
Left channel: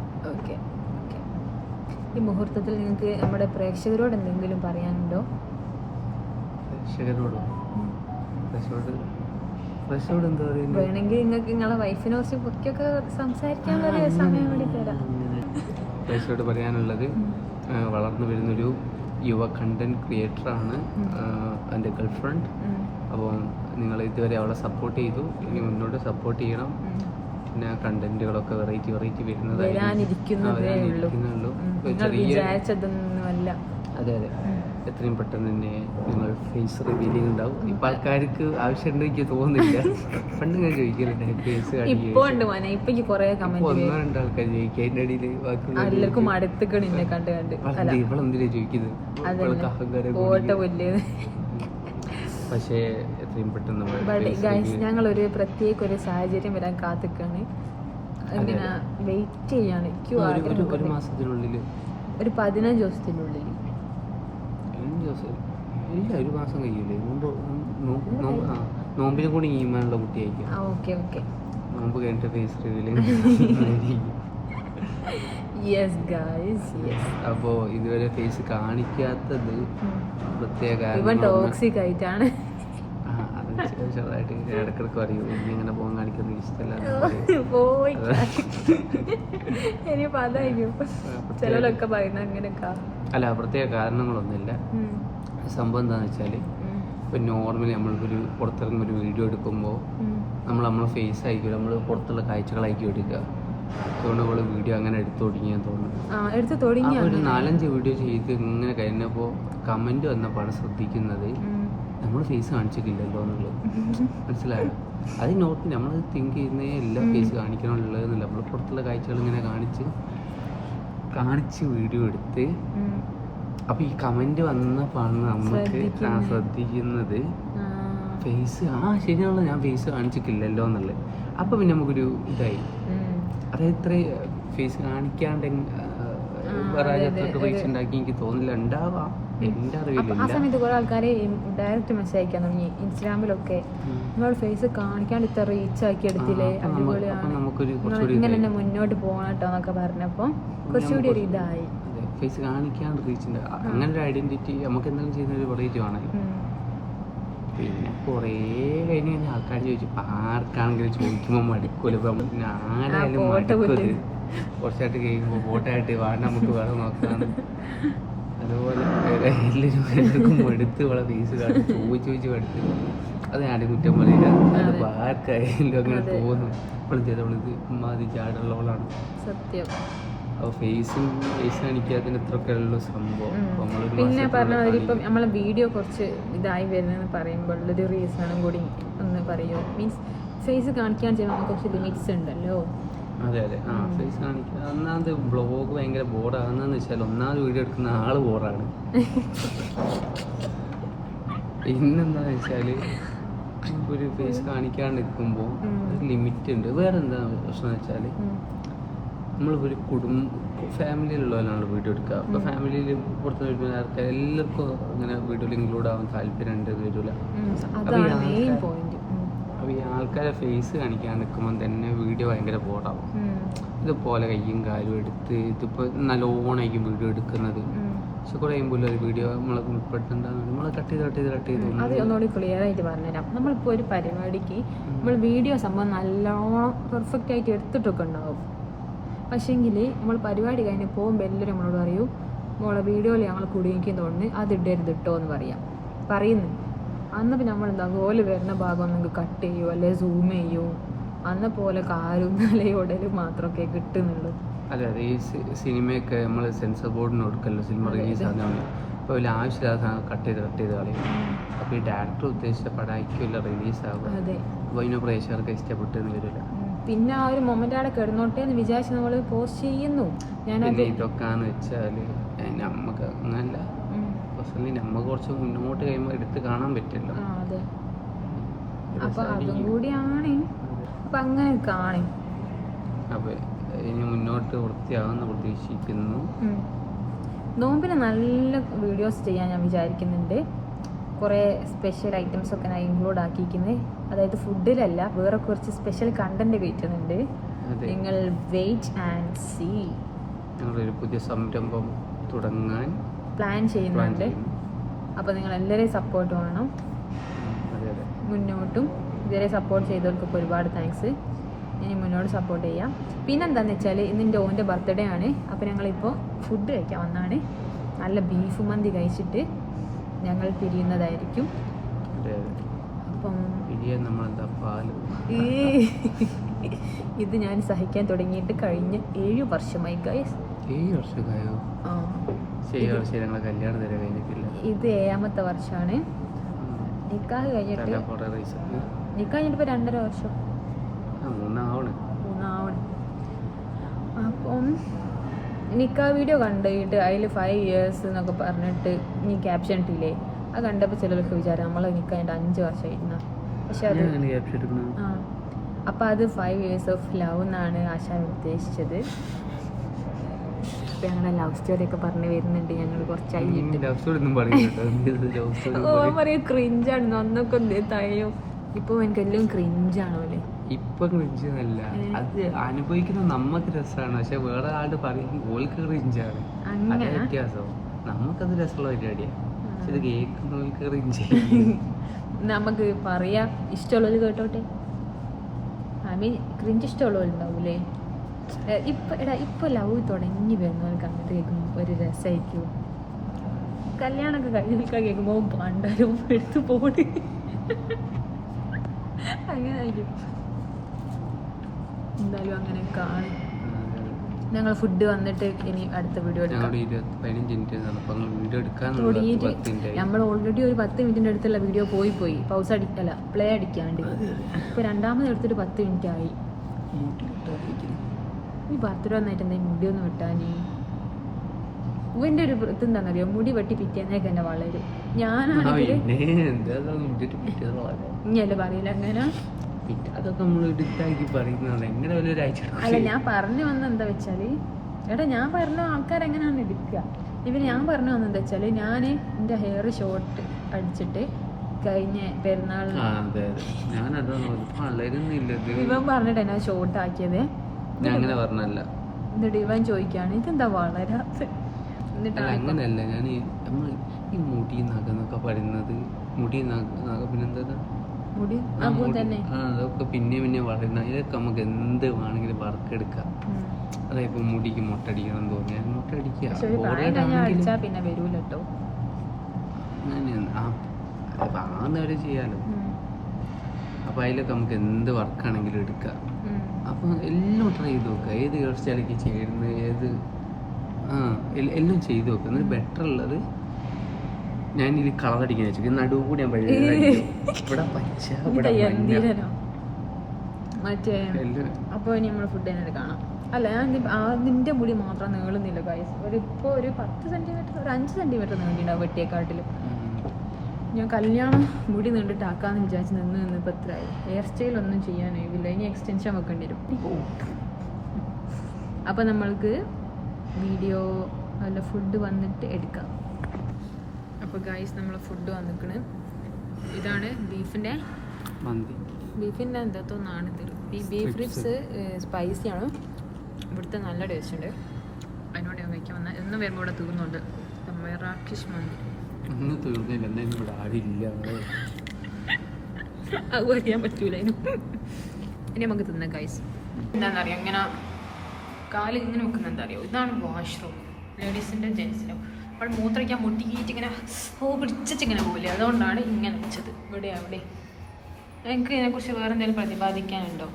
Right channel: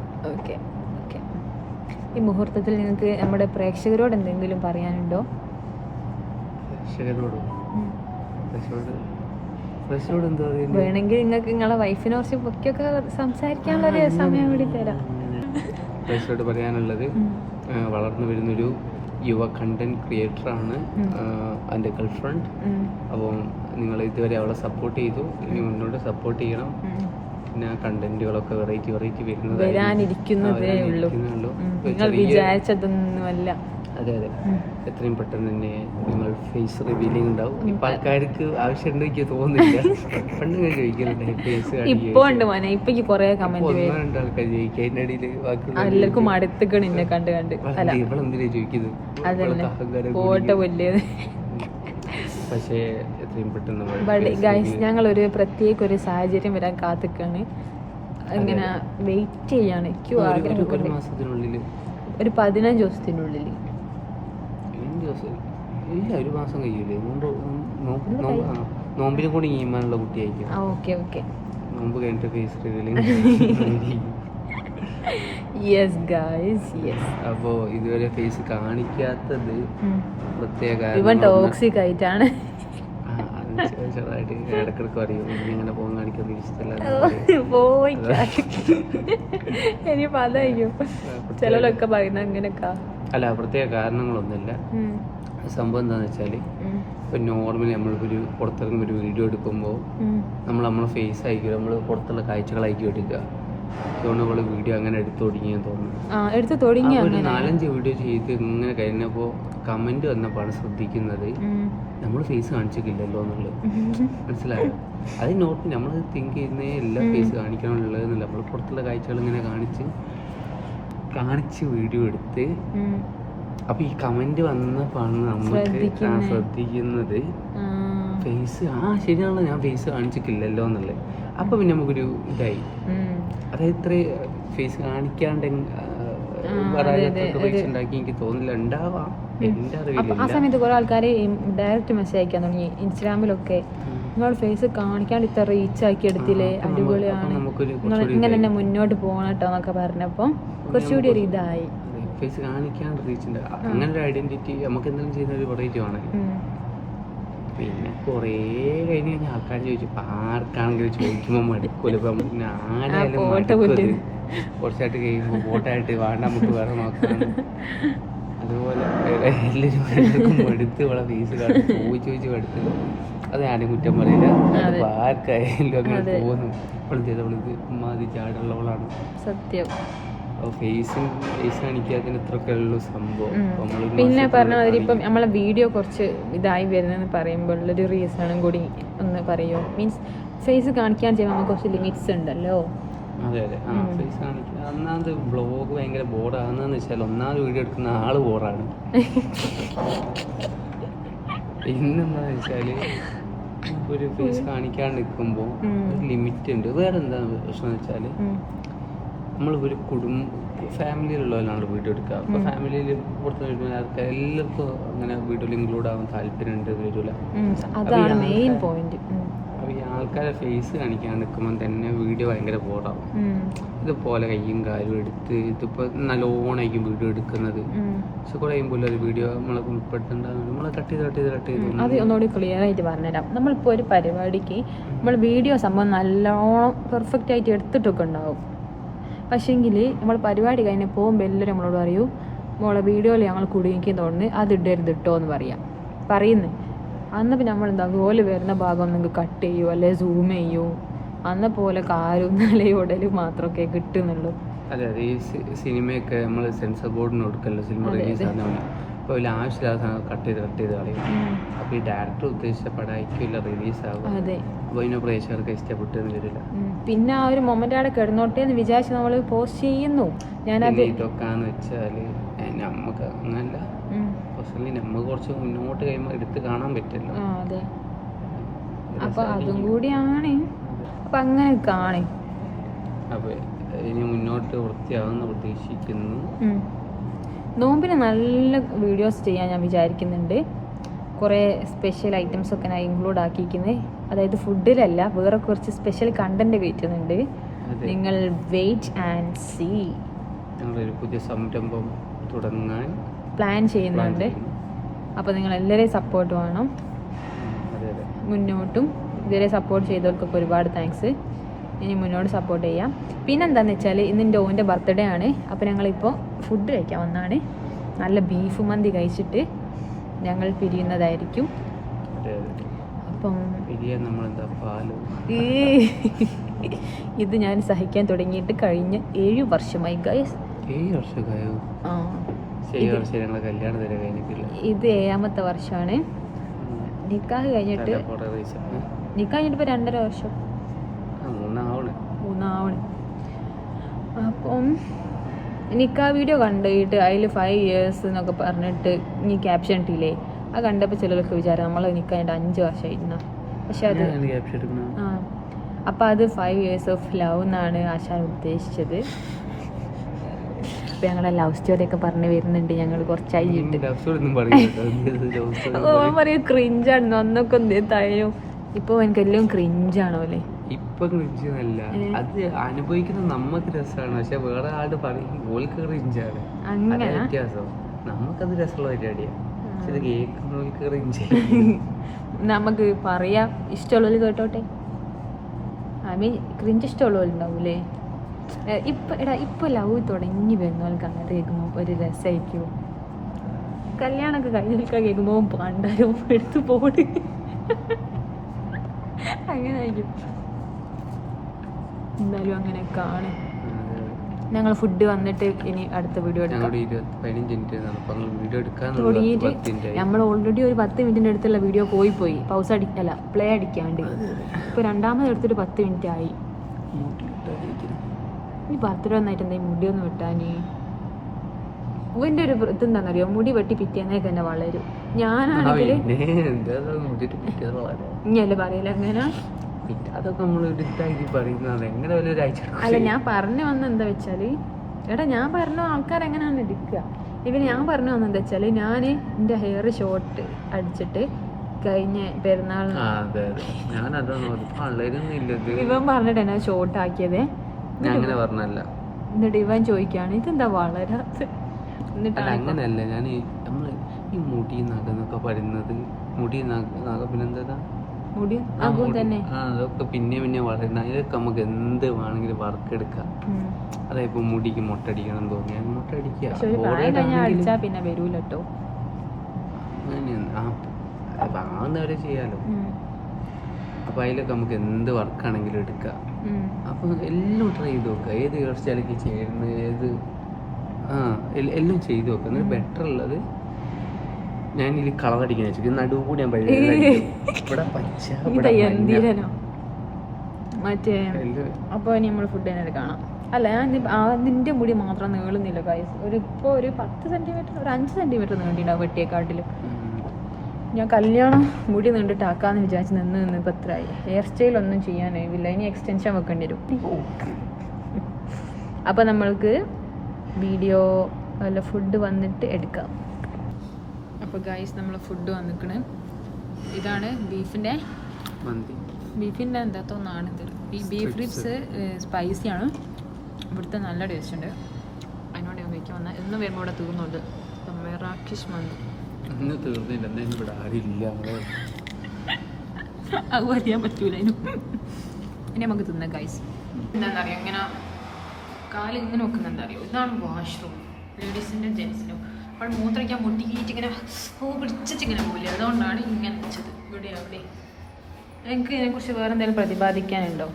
ഈ മുഹൂർത്തത്തിൽ നിങ്ങൾക്ക് നമ്മുടെ പ്രേക്ഷകരോട് എന്തെങ്കിലും പറയാനുണ്ടോ? പ്രേക്ഷകരോട് എന്താ പറയുന്നത്? വേണമെങ്കിൽ നിങ്ങൾക്ക് നിങ്ങളെ വൈഫിനെ കുറിച്ച് പൊക്കിയൊക്കെ സംസാരിക്കാനുള്ള സമയം കൂടി തരാം. പ്രേക്ഷകരോട് പറയാനുള്ളത്, വളർന്നു വരുന്നൊരു യുവ കണ്ടന്റ് ക്രിയേറ്ററാണ് എൻ്റെ ഗേൾഫ്രണ്ട്. അപ്പോൾ നിങ്ങൾ ഇതുവരെ അവളെ സപ്പോർട്ട് ചെയ്തു, ഇനി മുന്നോട്ട് സപ്പോർട്ട് ചെയ്യണം. പിന്നെ കണ്ടന്റുകളൊക്കെ വെറൈറ്റി വരാനിരിക്കുന്നുള്ളൂ. അതെ അതെ, എത്രയും പെട്ടെന്ന് തന്നെ നിങ്ങൾ ഫേസ് റിവീലിംഗ് ഉണ്ടാവും. ഇപ്പൊ ആൾക്കാർക്ക് ആവശ്യമുണ്ട് എനിക്ക് തോന്നുന്നില്ല. പണ്ട് ഞാൻ ചോദിക്കുന്നുണ്ട് ഫേസ് ഒന്നോ രണ്ടോ ആൾക്കാർ ചോദിക്കുക. അതിന്റെ ഇടയിൽ ഇവളെന്തിനാ ചോദിക്കുന്നത്? ഇവൾക്ക് അഹങ്കാരം കൂടി. പക്ഷേ എത്രയും പെട്ടെന്ന് ഞങ്ങളൊരു പ്രത്യേക ഒരു സാഹചര്യം വരാൻ കാത്തിക്കാണ്. ഇങ്ങനെ വെയിറ്റ് ചെയ്യാണ് ക്യൂ ഒരു മാസത്തിനുള്ളിൽ ഒരു 15 ദിവസത്തിനുള്ളിൽ. 15 ദിവസം ഇല്ല, ഒരു മാസം കഴിയൂലേ? നോമ്പിനെ കൂടി ഈമാനുള്ള കുട്ടിയായിരിക്കും. Okay okay. നോമ്പ് കഴിഞ്ഞിട്ട് face revealing. Yes guys yes. അപ്പോൾ ഇതുവരെ ഫേസ് കാണിക്കാത്തത് പ്രത്യേക ഇവൻ ടോക്സിക് ആയിട്ടാണ്. ചെറുതായിട്ട് ഇടക്കിടക്ക് അറിയും ഇനി അങ്ങനെ പോകാൻ കാണിക്കുന്നത് ഇഷ്ടമല്ല. പോയി ഇനി പതായിരിക്കും ചിലരൊക്കെ പറയുന്നത് അങ്ങനെയൊക്കെ. അല്ല, പ്രത്യേക കാരണങ്ങളൊന്നുമില്ല. സംഭവം എന്താണെന്ന് വെച്ചാൽ ഇപ്പം നോർമലി നമ്മളിപ്പോൾ ഒരു പുറത്തിറങ്ങുമ്പോൾ ഒരു വീഡിയോ എടുക്കുമ്പോൾ നമ്മളെ ഫേസ് ആയിരിക്കും, നമ്മൾ പുറത്തുള്ള കാഴ്ചകളായിരിക്കും എടുക്കുക. അതുകൊണ്ട് നമ്മൾ വീഡിയോ അങ്ങനെ എടുത്തു തുടങ്ങിയെന്ന് തോന്നുന്നു. ഒരു 4-5 വീഡിയോ ചെയ്ത് ഇങ്ങനെ കഴിഞ്ഞപ്പോൾ കമൻറ്റ് വന്നപ്പോഴാണ് ശ്രദ്ധിക്കുന്നത് നമ്മൾ ഫേസ് കാണിച്ചിട്ടില്ലല്ലോ എന്നുള്ളത്. മനസ്സിലായോ? അത് നോട്ട് നമ്മൾ തിങ്ക് ചെയ്യുന്നേ എല്ലാ ഫേസ് കാണിക്കണമുള്ളതെന്നില്ല. നമ്മൾ പുറത്തുള്ള കാഴ്ചകൾ ഇങ്ങനെ കാണിച്ച് വീഡിയോ എടുത്ത് അപ്പോൾ ഈ കമൻറ്റ് വന്നപ്പോഴാണ് നമുക്ക് ശ്രദ്ധിക്കുന്നത് ഫേസ് ശരിയാണല്ലോ, ഞാൻ ഫേസ് കാണിച്ചിട്ടില്ലല്ലോ എന്നുള്ളത്. അപ്പോൾ പിന്നെ നമുക്കൊരു ഇതായി, അതായത് ഇത്ര ഫേസ് കാണിക്കാണ്ട് വരാനൊക്കെ പൈസ ഉണ്ടാക്കി എനിക്ക് തോന്നില്ല. ഉണ്ടാവാം, എൻ്റെ അറിവിലില്ല. ആ സമയത്ത് കുറെ ആൾക്കാർ ഡയറക്റ്റ് മെസ്സേജ് അയക്കാൻ തുടങ്ങി ഇൻസ്റ്റാഗ്രാമിലൊക്കെ, നിങ്ങളുടെ ഫേസ് കാണിക്കാണ്ട് ഇത്ര റീച്ച് ആക്കി എടുത്തില്ലേ, അടിപൊളിയാണ്, ഇങ്ങനെ തന്നെ മുന്നോട്ട് പോകണം കേട്ടോ എന്നൊക്കെ പറഞ്ഞപ്പോൾ കുറച്ചുകൂടി ഒരു ഇതായി. ഫേസ് കാണിക്കാണ്ട് റീച്ച് ഉണ്ട്, അങ്ങനെ ഒരു ഐഡന്റിറ്റി നമുക്ക് എന്തെങ്കിലും ചെയ്യുന്ന ഒരു വെറൈറ്റി ആണല്ലോ. പിന്നെ കുറേ കഴിഞ്ഞ് കഴിഞ്ഞാൽ ആൾക്കാർ ചോദിച്ചു, ആർക്കാണെങ്കിലും ചോദിക്കുമ്പോൾ മടുക്കൂല. ഇപ്പം പിന്നെ ആരായാലും മടുക്കരുത്. കുറച്ചായിട്ട് കഴിയുമ്പോൾ ഫോട്ടായിട്ട് വേണ്ട നമുക്ക് വേറെ നോക്കാണ്. അതുപോലെ എല്ലാവർക്കും മടുത്ത് ഇവിടെ ഫേസ് കാണും, ചോദിച്ച് മടുത്ത്. അത് ആരും കുറ്റം പറയില്ല, അതിപ്പോൾ ആർക്കായാലും അങ്ങനെ തോന്നും. ഇപ്പോഴും ചെയ്തവളിത് ഉമ്മാതി ചാടുള്ളവളാണ് സത്യം. അപ്പോൾ ഫേസ് കാണിക്കാത്തതിന് ഇത്രയൊക്കെ ഉള്ളൂ സംഭവം. പിന്നെ പറഞ്ഞാൽ ഇപ്പം നമ്മളെ വീഡിയോ കുറച്ച് ഇതായി വരുന്നതെന്ന് പറയുമ്പോൾ ഒരു റീസണും കൂടി ഒന്ന് പറയും. മീൻസ് ഫേസ് കാണിക്കാൻ ചെയ്യുമ്പോൾ നമുക്ക് കുറച്ച് ലിമിറ്റ്സ് ഉണ്ടല്ലോ. അതെ ഫേസ് കാണിക്കുക. ഒന്നാമത് ബ്ലോഗ് ഭയങ്കര ബോറാകുന്നതെന്ന് വെച്ചാൽ ഒന്നാമത് വീഡിയോ എടുക്കുന്ന ആള് ബോറാണ്. പിന്നെന്താന്ന് വെച്ചാൽ ഒരു ഫേസ് കാണിക്കാണ്ട് നിൽക്കുമ്പോൾ ഒരു ലിമിറ്റ് ഉണ്ട്. വേറെ എന്താ പ്രശ്നം എന്ന് വെച്ചാൽ നമ്മളിപ്പോൾ ഒരു ഫാമിലിയിലുള്ളവരാണല്ലോ വീഡിയോ എടുക്കുക. അപ്പോൾ ഫാമിലിയിൽ പുറത്ത് വരുന്ന ആൾക്കാർ എല്ലാവർക്കും അങ്ങനെ വീഡിയോയിൽ ഇൻക്ലൂഡ് ആവാൻ താല്പര്യമുണ്ട് വരില്ല. അപ്പോൾ ഈ ആൾക്കാരെ ഫേസ് കാണിക്കാൻ നിൽക്കുമ്പോൾ തന്നെ വീഡിയോ ഭയങ്കര ബോറാവും. ഇതുപോലെ കയ്യും കാലും എടുത്ത് ഇതിപ്പോൾ നല്ലോണമായിരിക്കും വീഡിയോ എടുക്കുന്നത്. പക്ഷെ കുറേ കഴിയുമ്പോൾ ഒരു വീഡിയോ നമ്മളെ ഉൾപ്പെടുത്തേണ്ടത് നമ്മൾ കട്ട് ചെയ്ത് ഒന്നുകൂടി ക്ലിയർ ആയിട്ട് പറഞ്ഞുതരാം. നമ്മളിപ്പോൾ ഒരു പരിപാടിക്ക് നമ്മൾ വീഡിയോ സംഭവം നല്ലോണം പെർഫെക്റ്റ് ആയിട്ട് എടുത്തിട്ടൊക്കെ ഉണ്ടാവും. പക്ഷേങ്കിൽ നമ്മൾ പരിപാടി കഴിഞ്ഞ് പോകുമ്പോൾ എല്ലാവരും നമ്മളോട് പറയൂ, നമ്മളെ വീഡിയോയിൽ ഞങ്ങൾ കുടുങ്ങിക്കുന്നതുകൊണ്ട് അത് ഇടരുത് ഇട്ടോ എന്ന് പറയുന്നു. അന്നപ്പോൾ നമ്മൾ എന്താ അതുപോലെ വരുന്ന ഭാഗം നിങ്ങൾക്ക് കട്ട് ചെയ്യുമോ അല്ലെങ്കിൽ സൂം ചെയ്യുമോ, അന്ന പോലെ കാലും അല്ലെങ്കിൽ ഉടലും മാത്രമൊക്കെ കിട്ടുന്നുള്ളൂ. അതെ ഈ സിനിമയൊക്കെ നമ്മൾ സെൻസർ ബോർഡിന് കൊടുക്കല്ലോ, സിനിമ റിലീസ് ആകുന്ന. ഇപ്പോൾ അതിൽ ആവശ്യമില്ലാത്ത കട്ട് ചെയ്ത് കളയും. അപ്പോൾ ഈ ഡയറക്ടർ ഉദ്ദേശിച്ച പടമായിരിക്കില്ല റിലീസാകും. അപ്പോൾ അതിന് പ്രേക്ഷകർക്ക് ഇഷ്ടപ്പെട്ടെന്ന് വരില്ല. പിന്നെ ആ ഒരു മൊമെന്റ് അവിടെ കിടന്നോട്ടെ എന്ന് വിചാരിച്ച് നമ്മൾ പോസ്റ്റ് ചെയ്യുന്നു. പിന്നെ ഇതൊക്കെയാന്ന് വെച്ചാൽ നമുക്ക് അങ്ങനല്ല, പേഴ്സണലി നമുക്ക് കുറച്ച് മുന്നോട്ട് കഴിയുമ്പോൾ എടുത്ത് കാണാൻ പറ്റില്ല. അപ്പോൾ അതും കൂടിയാണ്. അപ്പം അങ്ങനെ കാണും. അപ്പോൾ ഇനി മുന്നോട്ട് വൃത്തിയാകുമെന്ന് പ്രതീക്ഷിക്കുന്നു. നോമ്പിന് നല്ല വീഡിയോസ് ചെയ്യാൻ ഞാൻ വിചാരിക്കുന്നുണ്ട്. കുറേ സ്പെഷ്യൽ ഐറ്റംസ് ഒക്കെ ഞാൻ ഇൻക്ലൂഡ് ആക്കിയിരിക്കുന്നത്. അതായത് ഫുഡിലല്ല, വേറെ കുറച്ച് സ്പെഷ്യൽ കണ്ടന്റ് കയറ്റുന്നുണ്ട്. നിങ്ങൾ വെയിറ്റ് ആൻഡ് സീ. ഞങ്ങളൊരു പുതിയ സംരംഭം തുടങ്ങാൻ പ്ലാൻ ചെയ്യുന്നുണ്ട്. അപ്പോൾ നിങ്ങൾ എല്ലാവരെയും സപ്പോർട്ട് വേണം. മുന്നോട്ടും ഇതുവരെ സപ്പോർട്ട് ചെയ്തവർക്കൊക്കെ ഒരുപാട് താങ്ക്സ്. ഇനി മുന്നോട്ട് സപ്പോർട്ട് ചെയ്യാം. പിന്നെന്താണെന്ന് വെച്ചാൽ ഇന്ന് എൻ്റെ ഓൻ്റെ ബർത്ത്ഡേ ആണ്. അപ്പോൾ ഞങ്ങളിപ്പോൾ ഫുഡ് കഴിക്കാൻ വന്നാണ്. നല്ല ബീഫ് മന്തി കഴിച്ചിട്ട് ഞങ്ങൾ പിരിയുന്നതായിരിക്കും. അപ്പം ഇത് ഞാൻ സഹിക്കാൻ തുടങ്ങിയിട്ട് കഴിഞ്ഞ 7 വർഷമായി ഗൈസ്. 7 വർഷമായോ? ഇത് 7ാമത്തെ വർഷമാണ്. നിക്കാഹ് കഴിഞ്ഞിട്ട് ഇപ്പോൾ 2.5 വർഷം. അപ്പം നിക്കാഹ് വീഡിയോ കണ്ടിട്ട് അതിൽ 5 years എന്നൊക്കെ പറഞ്ഞിട്ട് നീ ക്യാപ്ഷൻ ഇട്ടില്ലേ, അത് കണ്ടപ്പോൾ ചിലർക്ക് വിചാരം നമ്മൾ നിക്കായിട്ട് 5 വർഷമായിരുന്ന. പക്ഷെ അത് അപ്പോൾ അത് 5 years of love എന്നാണ് ആശാൻ ഉദ്ദേശിച്ചത്. അപ്പോൾ ഞങ്ങളെ ലവ് സ്റ്റോറിയൊക്കെ പറഞ്ഞ് വരുന്നുണ്ട് ഞങ്ങൾ കുറച്ചായി. പറയും ക്രിഞ്ചാണ് ഒന്നൊക്കെ എന്തായാലും ഇപ്പോൾ എനിക്കെല്ലാം ക്രിഞ്ചാണോ അല്ലേ? ഇപ്പൊ ക്രിഞ്ചല്ല, അത് അനുഭവിക്കുന്ന നമുക്ക് രസമാണ്, പക്ഷെ വേറെ ആള് പറയും ഓൾക്ക് ക്രിഞ്ചാണ്. അതേ വ്യത്യാസം. നമുക്കത് രസമുള്ള പരിപാടിയാണ്, പക്ഷെ ഇത് കേൾക്കുന്നവർക്ക് ക്രിഞ്ച്. നമുക്ക് പറയാം, ഇഷ്ടമുള്ളവർ കേട്ടോട്ടെ. I mean cringe ഇഷ്ടമുള്ളവരുണ്ടാവൂലേ? ഇപ്പൊ ലവ് തുടങ്ങി വരുന്നവർക്ക് അങ്ങനത്തെ കേൾക്കുമ്പോൾ ഒരു രസമായിരിക്കും. കല്യാണമൊക്കെ കഴിഞ്ഞൊക്കെ കേൾക്കുമ്പോൾ പണ്ടരോ എടുത്ത് പോട് അങ്ങനെ ആയിരിക്കും. എന്തായാലും അങ്ങനെ കാണും. ഞങ്ങൾ ഫുഡ് വന്നിട്ട് ഇനി അടുത്ത വീഡിയോ നമ്മൾ ഓൾറെഡി ഒരു 10 മിനിറ്റിന്റെ അടുത്തുള്ള വീഡിയോ പോയി പൗസ് അടിക്കല്ല പ്ലേ അടിക്കാണ്ട് ഇപ്പൊ രണ്ടാമത് എടുത്തിട്ട് 10 മിനിറ്റ് ആയി. ഈ ബർത്ത്ഡേ വന്നായിട്ട് എന്താ മുടി ഒന്ന് വെട്ടാനേ? ഇവന്റെ ഒരു ഇതെന്താണെന്നറിയോ, മുടി വെട്ടി പിറ്റേന്നേക്ക് തന്നെ വളരും. ഞാനാണെങ്കിൽ ഇങ്ങല്ലേ പറയില്ല അങ്ങനെ. അതൊക്കെ നമ്മൾ എടുത്താക്കി പറയുന്നത് എങ്ങനെ ഒരാഴ്ച. അല്ല, ഞാൻ പറഞ്ഞു വന്ന എന്താ വെച്ചാല്, എടാ ഞാൻ പറഞ്ഞ ആൾക്കാർ എങ്ങനെയാണ് എടുക്കുക. ഇവന് ഞാൻ പറഞ്ഞു വന്നെന്താ വെച്ചാല്, ഞാൻ എൻ്റെ ഹെയർ ഷോർട്ട് അടിച്ചിട്ട് കഴിഞ്ഞ പെരുന്നാളിന് ഇവൻ പറഞ്ഞിട്ട് എന്നാ ഷോർട്ട് ആക്കിയത്. ഞാൻ അങ്ങനെ പറഞ്ഞല്ല. എന്നിട്ട് ഇവൻ ചോദിക്കാണ് ഇതെന്താ വളരാത്ത. എന്നിട്ട് അങ്ങനെയല്ല, ഞാൻ നമ്മള് ഈ മുടി നഖന്നൊക്കെ പറയുന്നത്, മുടി നഖ പിന്നെന്താ അതൊക്കെ പിന്നെ വളരുന്ന, ഇതൊക്കെ നമുക്ക് എന്ത് വേണമെങ്കിലും വർക്ക് എടുക്കാം. അതായത് മുടിക്ക് മുട്ടടിക്കണം തോന്നിയാൽ മുട്ടടിക്കുക. അങ്ങനെയാണ് ചെയ്യാലോ. അപ്പൊ അതിലൊക്കെ നമുക്ക് എന്ത് വർക്കാണെങ്കിലും എടുക്കാം. അപ്പൊ എല്ലാം ട്രൈ ചെയ്ത് നോക്കുക, ഏത് ഹെയർ സ്റ്റൈലേക്ക് ചേരുന്നത്, ഏത് എല്ലാം ചെയ്ത് നോക്കുക. എന്നിട്ട് ബെറ്റർ ഉള്ളത് ഞാൻ ഇത് കളർ അടിക്കാൻ വെച്ചു, നടുവ് കൂടി ഞാൻ ഇവിടെ പച്ച ഇവിടെ മറ്റേ. അപ്പോൾ നമ്മൾ ഫുഡ് തന്നെ കാണാം. അല്ല, ഞാൻ അതിൻ്റെ മുടി മാത്രം നീളുന്നില്ല ഗൈസ്. ഇപ്പോൾ ഒരു 10 സെൻറ്റിമീറ്റർ, ഒരു 5 സെൻറ്റിമീറ്റർ നീണ്ടിണ്ടാവും വെട്ടിയെക്കാട്ടിലും. ഞാൻ കല്യാണം മുടി നീണ്ടിട്ടാക്കാന്ന് വിചാരിച്ച് നിന്ന് ഇപ്പം എത്രയായി. ഹെയർ സ്റ്റൈലൊന്നും ചെയ്യാനായില്ല, ഇനി എക്സ്റ്റൻഷൻ വെക്കേണ്ടി വരും. അപ്പോൾ നമ്മൾക്ക് വീഡിയോ വല്ല ഫുഡ് വന്നിട്ട് എടുക്കാം. അപ്പോൾ ഗൈസ് നമ്മൾ ഫുഡ് വന്നിട്ട് ഇതാണ് ബീഫിൻ്റെ എന്താത്തോന്നാണ് ഇത്. ഈ ബീഫ് റിബ്സ് സ്പൈസിയാണ്, ഇവിടുത്തെ നല്ല ടേസ്റ്റ് ഉണ്ട്. അതിനോട് ഞാൻ കഴിക്കാൻ വന്നാൽ എന്നും വരുമ്പോൾ ഇവിടെ തീർന്നുണ്ട്. മെറാക്കിഷ് മന്തി അത് അറിയാൻ പറ്റൂല. ഇനി നമുക്ക് തിന്നാം ഗൈസ്. എന്താണെന്നറിയാം, ഇങ്ങനെ കാല് ഇങ്ങനെ വെക്കുന്നുണ്ട് അറിയോ? ഇതാണ് വാഷ്റൂം, ലേഡീസിൻ്റെ ജെൻസിനും. അപ്പോൾ മൂത്രയ്ക്കാൻ മുട്ടിക്കിയിട്ട് ഇങ്ങനെ പിടിച്ചിങ്ങനെ പോകില്ല, അതുകൊണ്ടാണ് ഇങ്ങനെ വെച്ചത്. ഇവിടെ അവിടെ എനിക്ക് ഇതിനെക്കുറിച്ച് വേറെ എന്തെങ്കിലും പ്രതിപാദിക്കാനുണ്ടോ?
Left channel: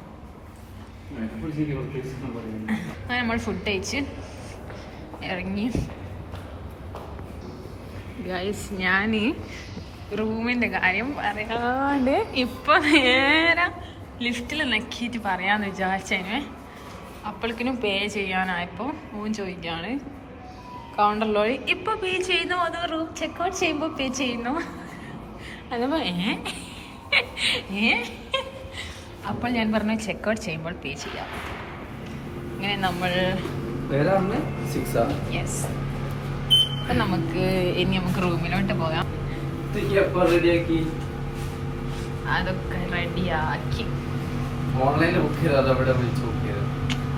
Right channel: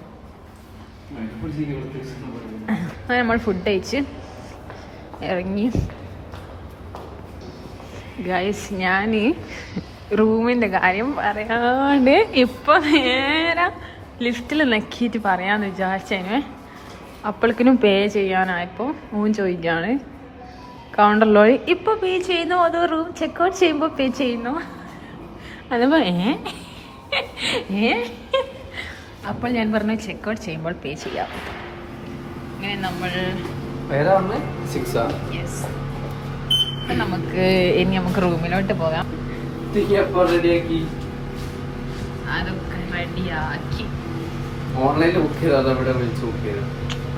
അങ്ങനെ നമ്മൾ ഫുഡ് കഴിച്ച് ഇറങ്ങി ഗൈസ്. ഞാൻ റൂമിൻ്റെ കാര്യം പറയാണ്ട് ഇപ്പോൾ നേരെ ലിഫ്റ്റിൽ നെക്കിയിട്ട് പറയാമെന്ന് വിചാരിച്ചതിന് അപ്പോഴേക്കിനും പേ ചെയ്യാനായപ്പോൾ ഓൻ ചോദിക്കുകയാണ് കൗണ്ടറിലോട് ഇപ്പോൾ പേ ചെയ്യുന്നോ അതോ റൂം ചെക്കൗട്ട് ചെയ്യുമ്പോൾ പേ ചെയ്യുന്നോ? അതപ്പോൾ അപ്പോൾ ഞാൻ പറഞ്ഞു ചെക്കൗട്ട് ചെയ്യുമ്പോൾ പേ ചെയ്യാം. അങ്ങനെ നമ്മൾ യെസ്. അപ്പം ഇനി നമുക്ക് റൂമിലോട്ട് പോകാം. അതൊക്കെ റെഡിയാക്കി ഓൺലൈനിൽ ബുക്ക് ചെയ്താൽ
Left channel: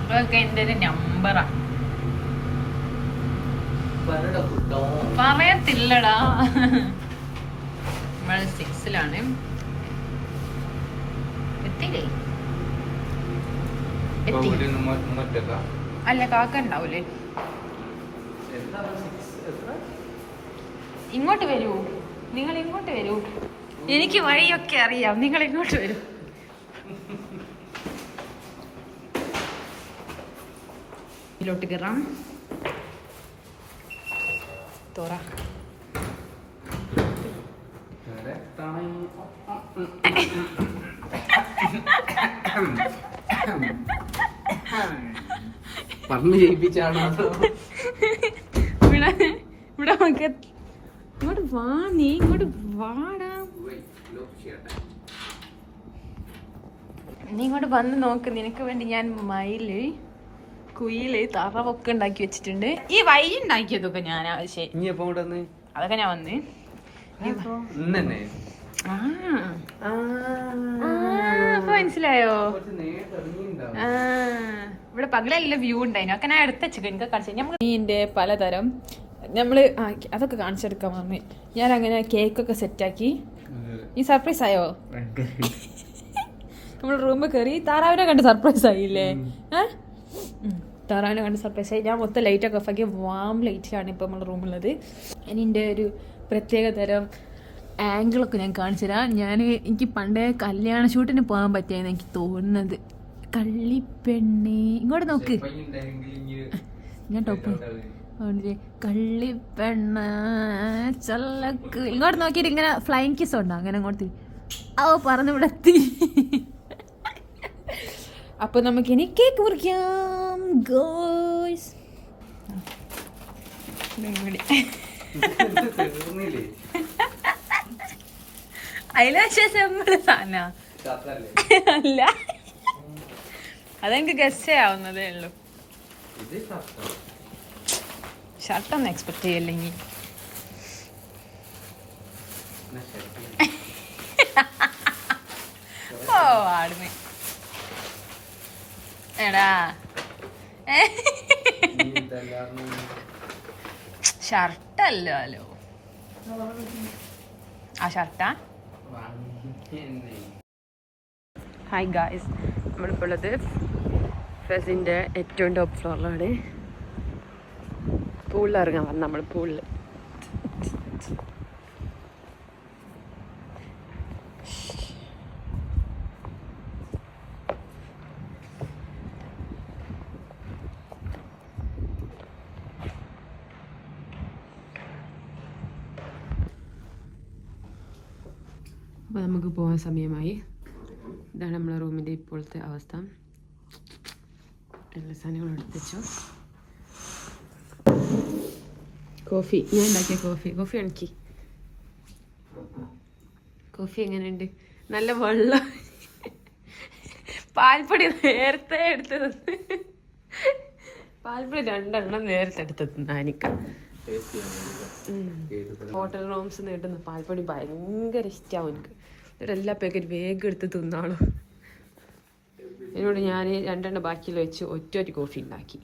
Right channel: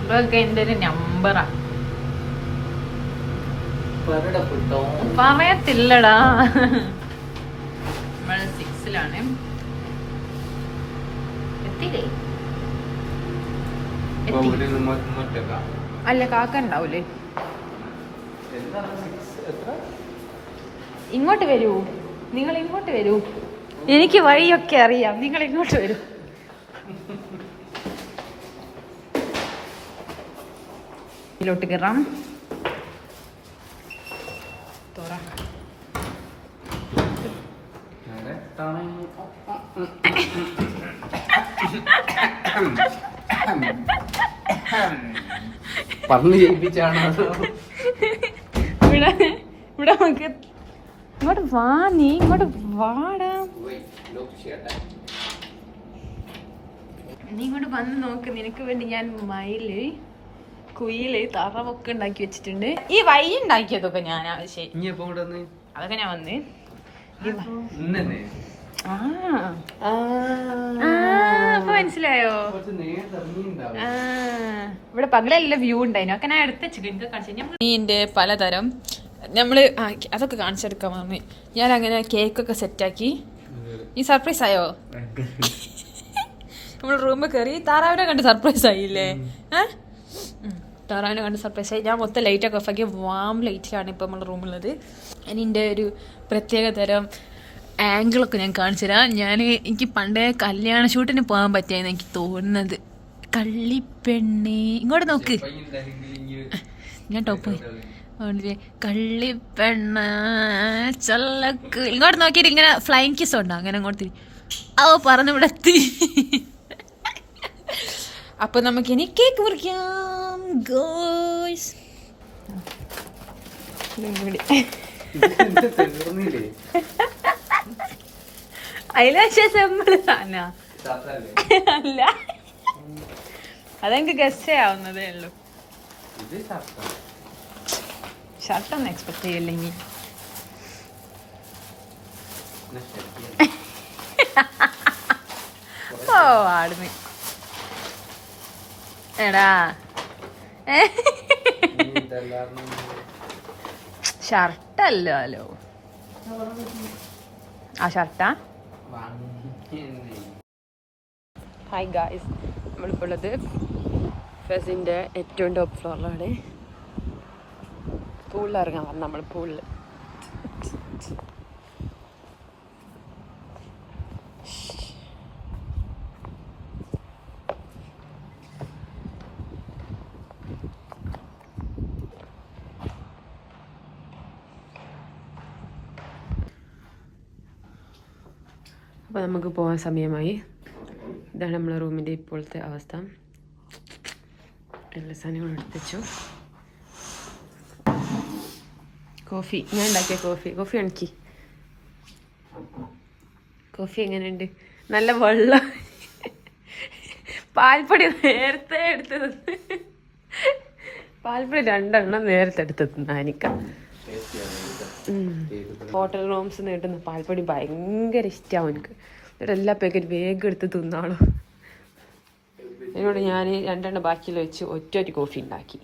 അതൊക്കെ എൻ്റെ ഒരു നമ്പറാ. പറയത്തില്ലടാ. നമ്മൾ 6-ലാണ്. എത്തിയില്ലേ? അല്ല, കാക്ക ഉണ്ടാവൂലേ? ഇങ്ങോട്ട് വരൂ, നിങ്ങൾ ഇങ്ങോട്ട് വരൂ. എനിക്ക് വഴിയൊക്കെ അറിയാം, നിങ്ങൾ ഇങ്ങോട്ട് വരൂ. ഇതിലോട്ട് കയറാം. തുറ. പറഞ്ഞു ജയിപ്പിച്ചാണ്. ഇവിടെ നമുക്ക് ഇങ്ങോട്ട് വാ, നീ ഇങ്ങോട്ട് വാടാ. നീ ഇങ്ങോട്ട് വന്ന് നോക്ക്, നിനക്ക് വേണ്ടി ഞാൻ മയില് കുയില് തറവൊക്കെ ഉണ്ടാക്കി വെച്ചിട്ടുണ്ട്. ഈ വഴി ഉണ്ടാക്കിയതൊക്കെ ഞാൻ ആവശ്യം, ഇനി എപ്പോ ഇവിടെ വന്ന് അതൊക്കെ ഞാൻ വന്ന്. ഇന്നെ അപ്പൊ മനസ്സിലായോ? ഇവിടെ പകലെല്ലാം വ്യൂ ഉണ്ടായിരുന്നു, ഒക്കെ ഞാൻ എടുത്ത് വെച്ചു. എനിക്ക് കാണിച്ചു മീൻ്റെ പലതരം നമ്മള് അതൊക്കെ കാണിച്ചെടുക്കാൻ വന്ന്. ഞാൻ അങ്ങനെ കേക്കൊക്കെ സെറ്റാക്കി. ഈ സർപ്രൈസ് ആയോ? നമ്മൾ റൂമിൽ കയറി താറാവിനെ കണ്ട് സർപ്രൈസ് ആയില്ലേ? താറാവിനെ കണ്ട് സർപ്രൈസ് ആയി. ഞാൻ മൊത്തം ലൈറ്റൊക്കെ ഓഫ് ആക്കി, വാം ലൈറ്റിലാണ് ഇപ്പം നമ്മുടെ റൂമുള്ളത്. അതിൻ്റെ ഒരു പ്രത്യേക തരം ആംഗിളൊക്കെ ഞാൻ കാണിച്ചു തരാം. എനിക്ക് പണ്ടേ കല്യാണ ഷൂട്ടിന് പോകാൻ പറ്റിയെന്ന് എനിക്ക് തോന്നുന്നത്. കള്ളിപ്പെണ്ണേ ഇങ്ങോട്ട് നോക്ക്, ഞാൻ ടോപ്പ് കള്ളിപ്പെണ്ണ ചല്ലക്ക് ഇങ്ങോട്ട് നോക്കിയിട്ട് ഇങ്ങനെ ഫ്ലൈങ് കിസ് ഉണ്ടോ? അങ്ങനെ അങ്ങോട്ട് പറഞ്ഞു ഇവിടെ എത്തി. അപ്പൊ നമുക്കിനി കേക്ക് മുറിക്കാം ഗോയ്സ്. അല്ല, അതെനിക്ക് ഗസ്റ്റ് ആവുന്നതേ ഉള്ളൂ. ഷർട്ടൊന്നും എക്സ്പെക്ട് ചെയ്യല്ലെങ്കിൽ ഓ ആടുന്നേ എടാ. ഷർട്ടല്ലോ. ആ ഷർട്ടാ. ഹായ് ഗായ്സ്, നമ്മളിപ്പോൾ ഉള്ളത് ഫെസിൻ്റെ ഏറ്റവും ടോപ്പ് ഫ്ലോറിലാണ്. പൂളിലിറങ്ങാൻ വന്നു നമ്മൾ. പൂളിൽ അപ്പോൾ നമുക്ക് പോകാൻ സമയമായി. ഇതാണ് നമ്മളെ റൂമിൻ്റെ ഇപ്പോഴത്തെ അവസ്ഥ. എല്ലാ സാധനങ്ങളും എടുത്ത് വെച്ചു. കോഫി ഞാൻ ഉണ്ടാക്കിയ കോഫി എനിക്ക്. കോഫി എങ്ങനെയുണ്ട്? നല്ല വെള്ളം. പാൽപ്പൊടി നേരത്തെ എടുത്തത്. പാൽപ്പൊടി 2 എണ്ണം നേരത്തെ എടുത്തത് നാനിക്ക. ഹോട്ടൽ റൂംസ് കിട്ടുന്ന പാൽപ്പൊടി ഭയങ്കര ഇഷ്ടമാവും എനിക്ക്. എല്ലാ പാക്കറ്റ് വേഗം എടുത്ത് തിന്നാണോ. എന്നോട് ഞാൻ 2 എണ്ണം ബാക്കിയിൽ വെച്ച് ഒറ്റ കോഫി ഉണ്ടാക്കി.